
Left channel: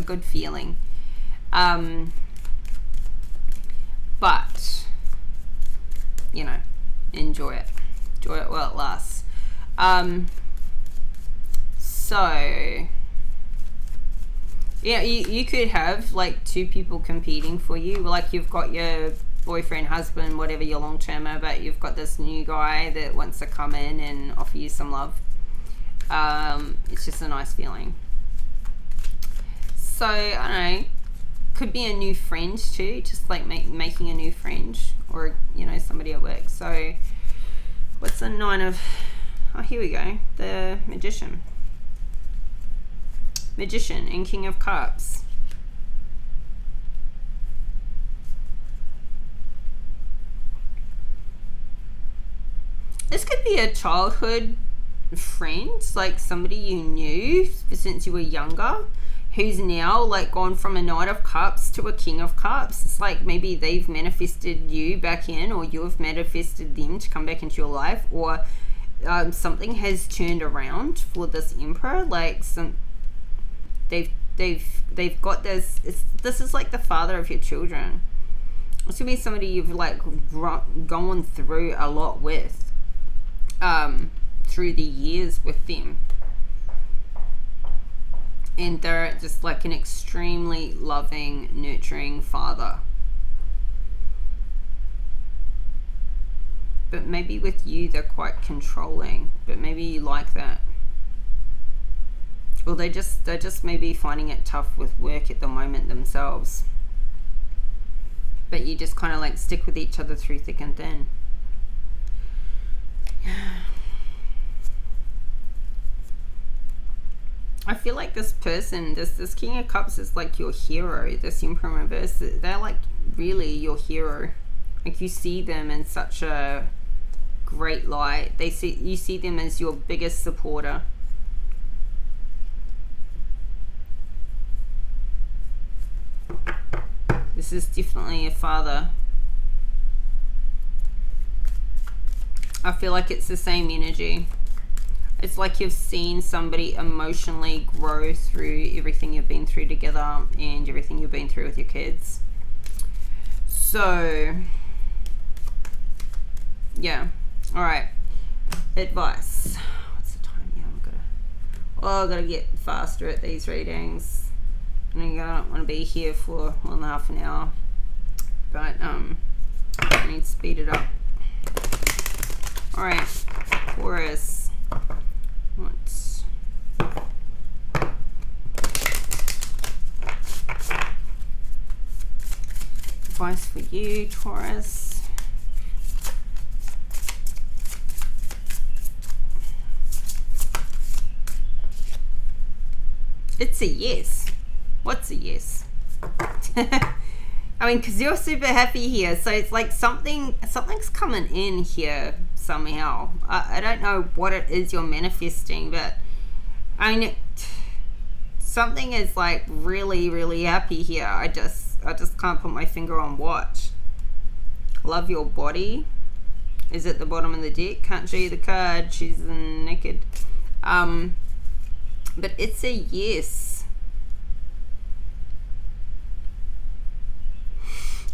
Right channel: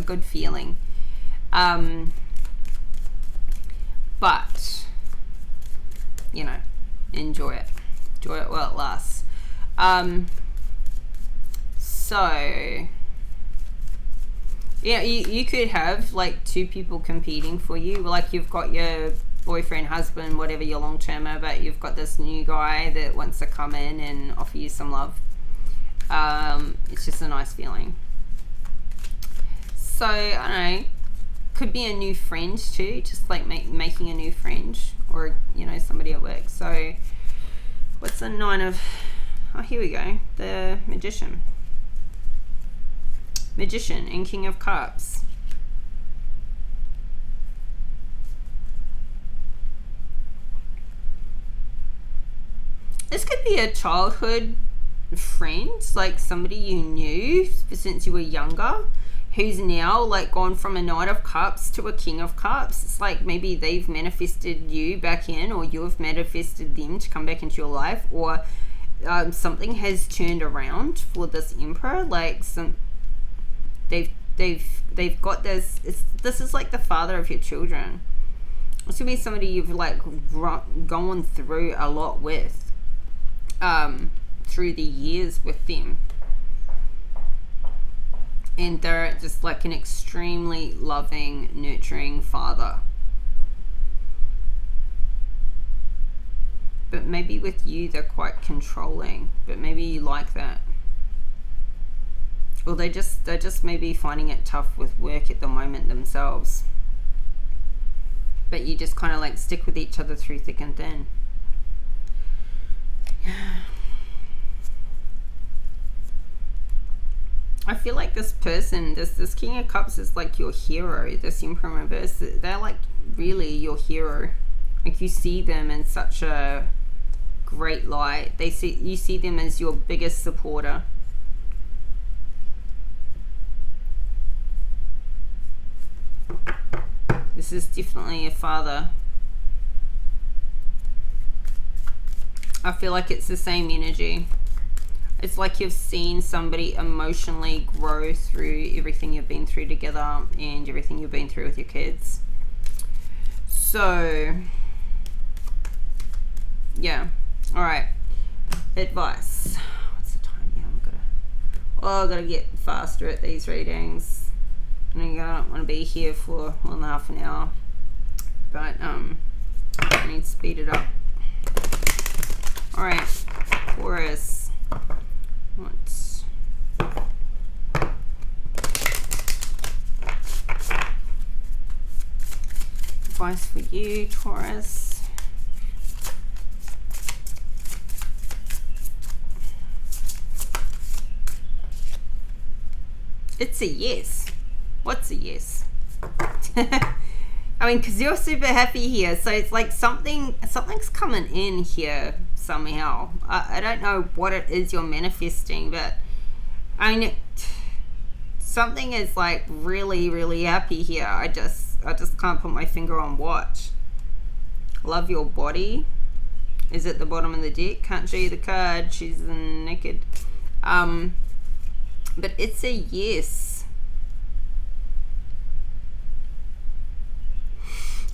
good feeling. But, you know, enjoy it while it lasts. So yeah, you could have like two people competing for you. Like you've got your boyfriend, husband, whatever, your long-termer, but you've got this new guy that wants to come in and offer you some love. It's just a nice feeling. So I don't know, could be a new friend too, just like making a new friend, or you know, somebody at work. So what's the Nine of, oh, here we go, the Magician and King of Cups. This could be a childhood friend, like somebody you knew since you were younger, who's now like gone from a Knight of Cups to a King of Cups. It's like maybe they've manifested you back in, or you've manifested them to come back into your life, or something has turned around for this Emperor. Like they've got this. This is like the father of your children. This could be somebody you've like gone through a lot with, through the years with them, and they're just like an extremely loving, nurturing father. But maybe with you they're quite controlling, but maybe you like that. Or they're just maybe finding it tough with work at the moment themselves. But you just kind of like stick with each other through thick and thin. I feel like this person, this King of Cups is like your hero. This Emperor reverse, they're like really your hero. Like you see them in such a great light. You see them as your biggest supporter. This is definitely a father. I feel like it's the same energy. It's like you've seen somebody emotionally grow through everything you've been through together and everything you've been through with your kids. So, yeah. All right. Advice. What's the time? Yeah, I've got to get faster at these readings. I don't want to be here for more than half an hour, but I need to speed it up. All right, Taurus. What's advice for you, Taurus? It's a yes. What's a yes? I mean, because you're super happy here, so it's like something's coming in here somehow. I don't know what it is you're manifesting, but I mean, something is like really, really happy here. I just can't put my finger on what. Love your body is at the bottom of the deck. Can't show you the card. She's naked. But it's a yes.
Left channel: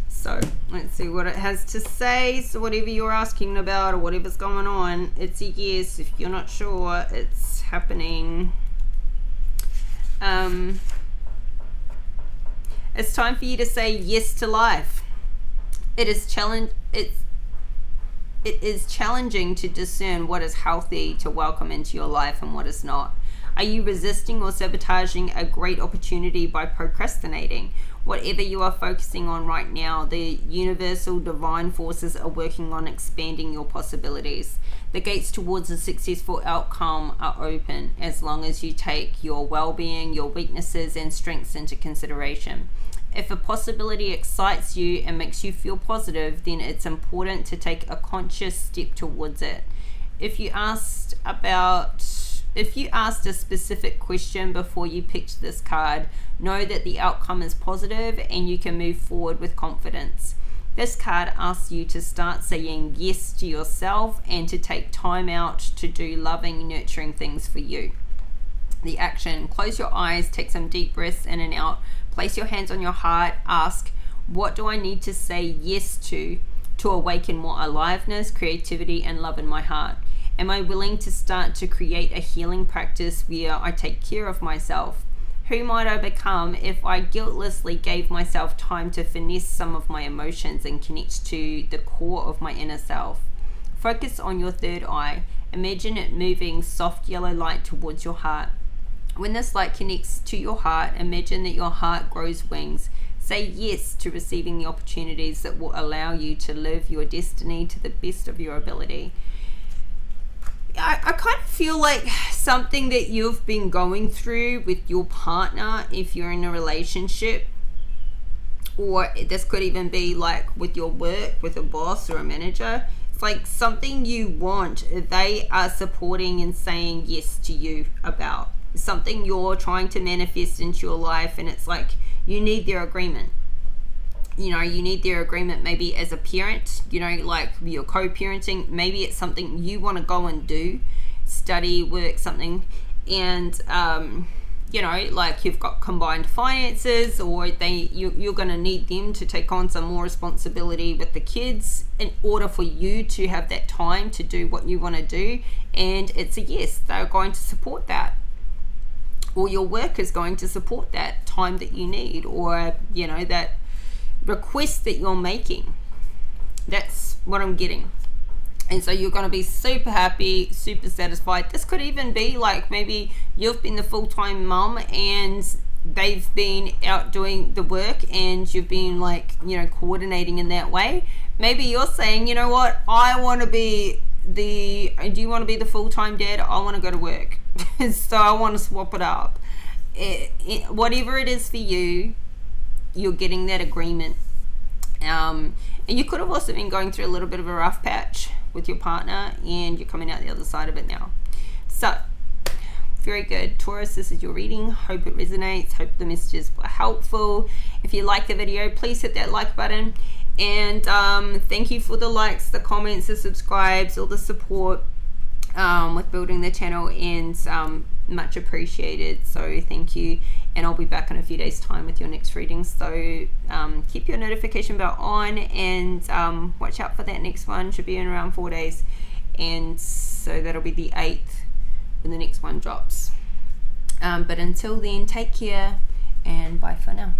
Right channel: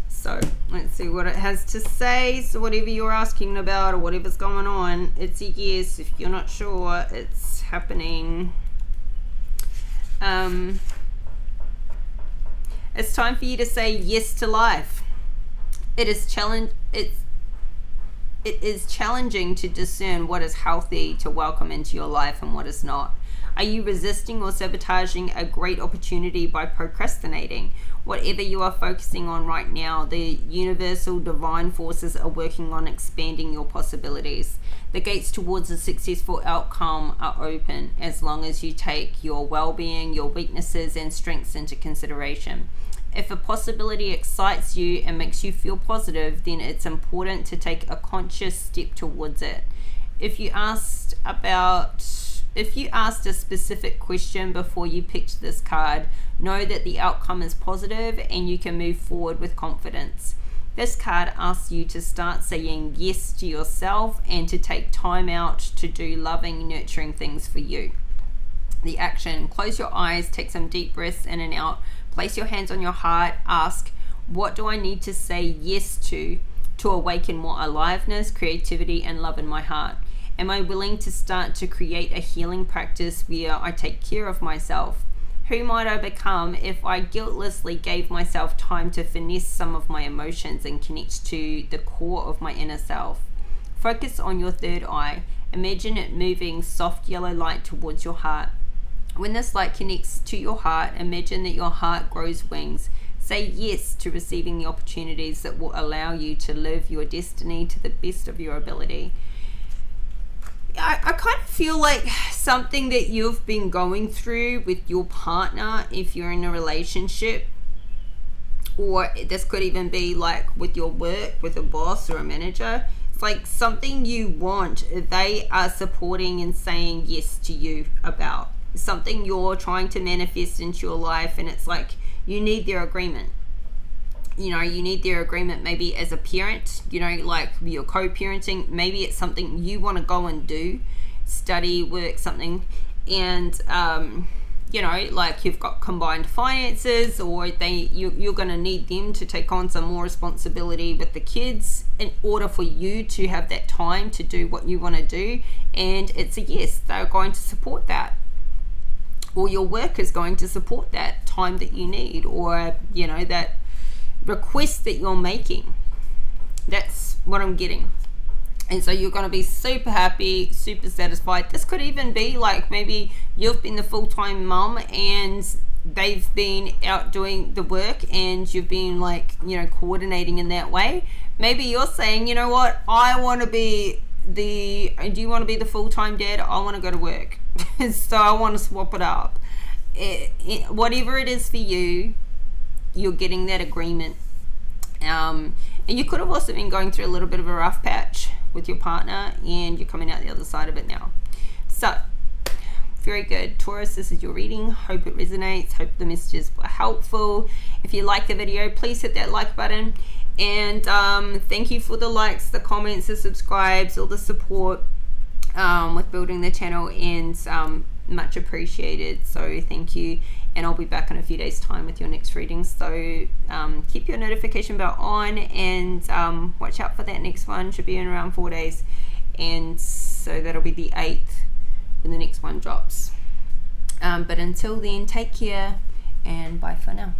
So let's see what it has to say. So whatever you're asking about or whatever's going on, it's a yes. If you're not sure, it's happening. It's time for you to say yes to life. It is challenging to discern what is healthy to welcome into your life and what is not. Are you resisting or sabotaging a great opportunity by procrastinating? Whatever you are focusing on right now, the universal divine forces are working on expanding your possibilities. The gates towards a successful outcome are open as long as you take your well-being, your weaknesses and strengths into consideration. If a possibility excites you and makes you feel positive, then it's important to take a conscious step towards it. If you asked a specific question before you picked this card, know that the outcome is positive and you can move forward with confidence. This card asks you to start saying yes to yourself and to take time out to do loving, nurturing things for you. The action: close your eyes, take some deep breaths in and out, place your hands on your heart, ask, what do I need to say yes to awaken more aliveness, creativity, and love in my heart? Am I willing to start to create a healing practice where I take care of myself? Who might I become if I guiltlessly gave myself time to finesse some of my emotions and connect to the core of my inner self? Focus on your third eye. Imagine it moving soft yellow light towards your heart. When this light connects to your heart, imagine that your heart grows wings. Say yes to receiving the opportunities that will allow you to live your destiny to the best of your ability. I kind of feel like something that you've been going through with your partner, if you're in a relationship, or this could even be like with your work, with a boss or a manager. It's like something you want, they are supporting and saying yes to you about. Something you're trying to manifest into your life, and it's like you need their agreement. You know, you need their agreement maybe as a parent, you know, like you're co-parenting. Maybe it's something you want to go and do, study, work, something. And, you know, like you've got combined finances, or you're going to need them to take on some more responsibility with the kids in order for you to have that time to do what you want to do. And it's a yes, they're going to support that. Or your work is going to support that time that you need, or, you know, that request that you're making. That's what I'm getting. And so you're going to be super happy, super satisfied. This could even be like maybe you've been the full-time mum and they've been out doing the work and you've been like, you know, coordinating in that way. Maybe you're saying, you know what, I want to be do you want to be the full-time dad? I want to go to work. So I want to swap it up. Whatever it is for you, you're getting that agreement. And you could have also been going through a little bit of a rough patch with your partner, and you're coming out the other side of it now. So very good, Taurus. This is your reading. Hope it resonates. Hope the messages were helpful. If you like the video, please hit that like button. And thank you for the likes, the comments, the subscribes, all the support with building the channel, and much appreciated. So thank you. And I'll be back in a few days time with your next reading. So keep your notification bell on, and watch out for that next one. Should be in around 4 days. And so that'll be the 8th when the next one drops. But until then, take care and bye for now.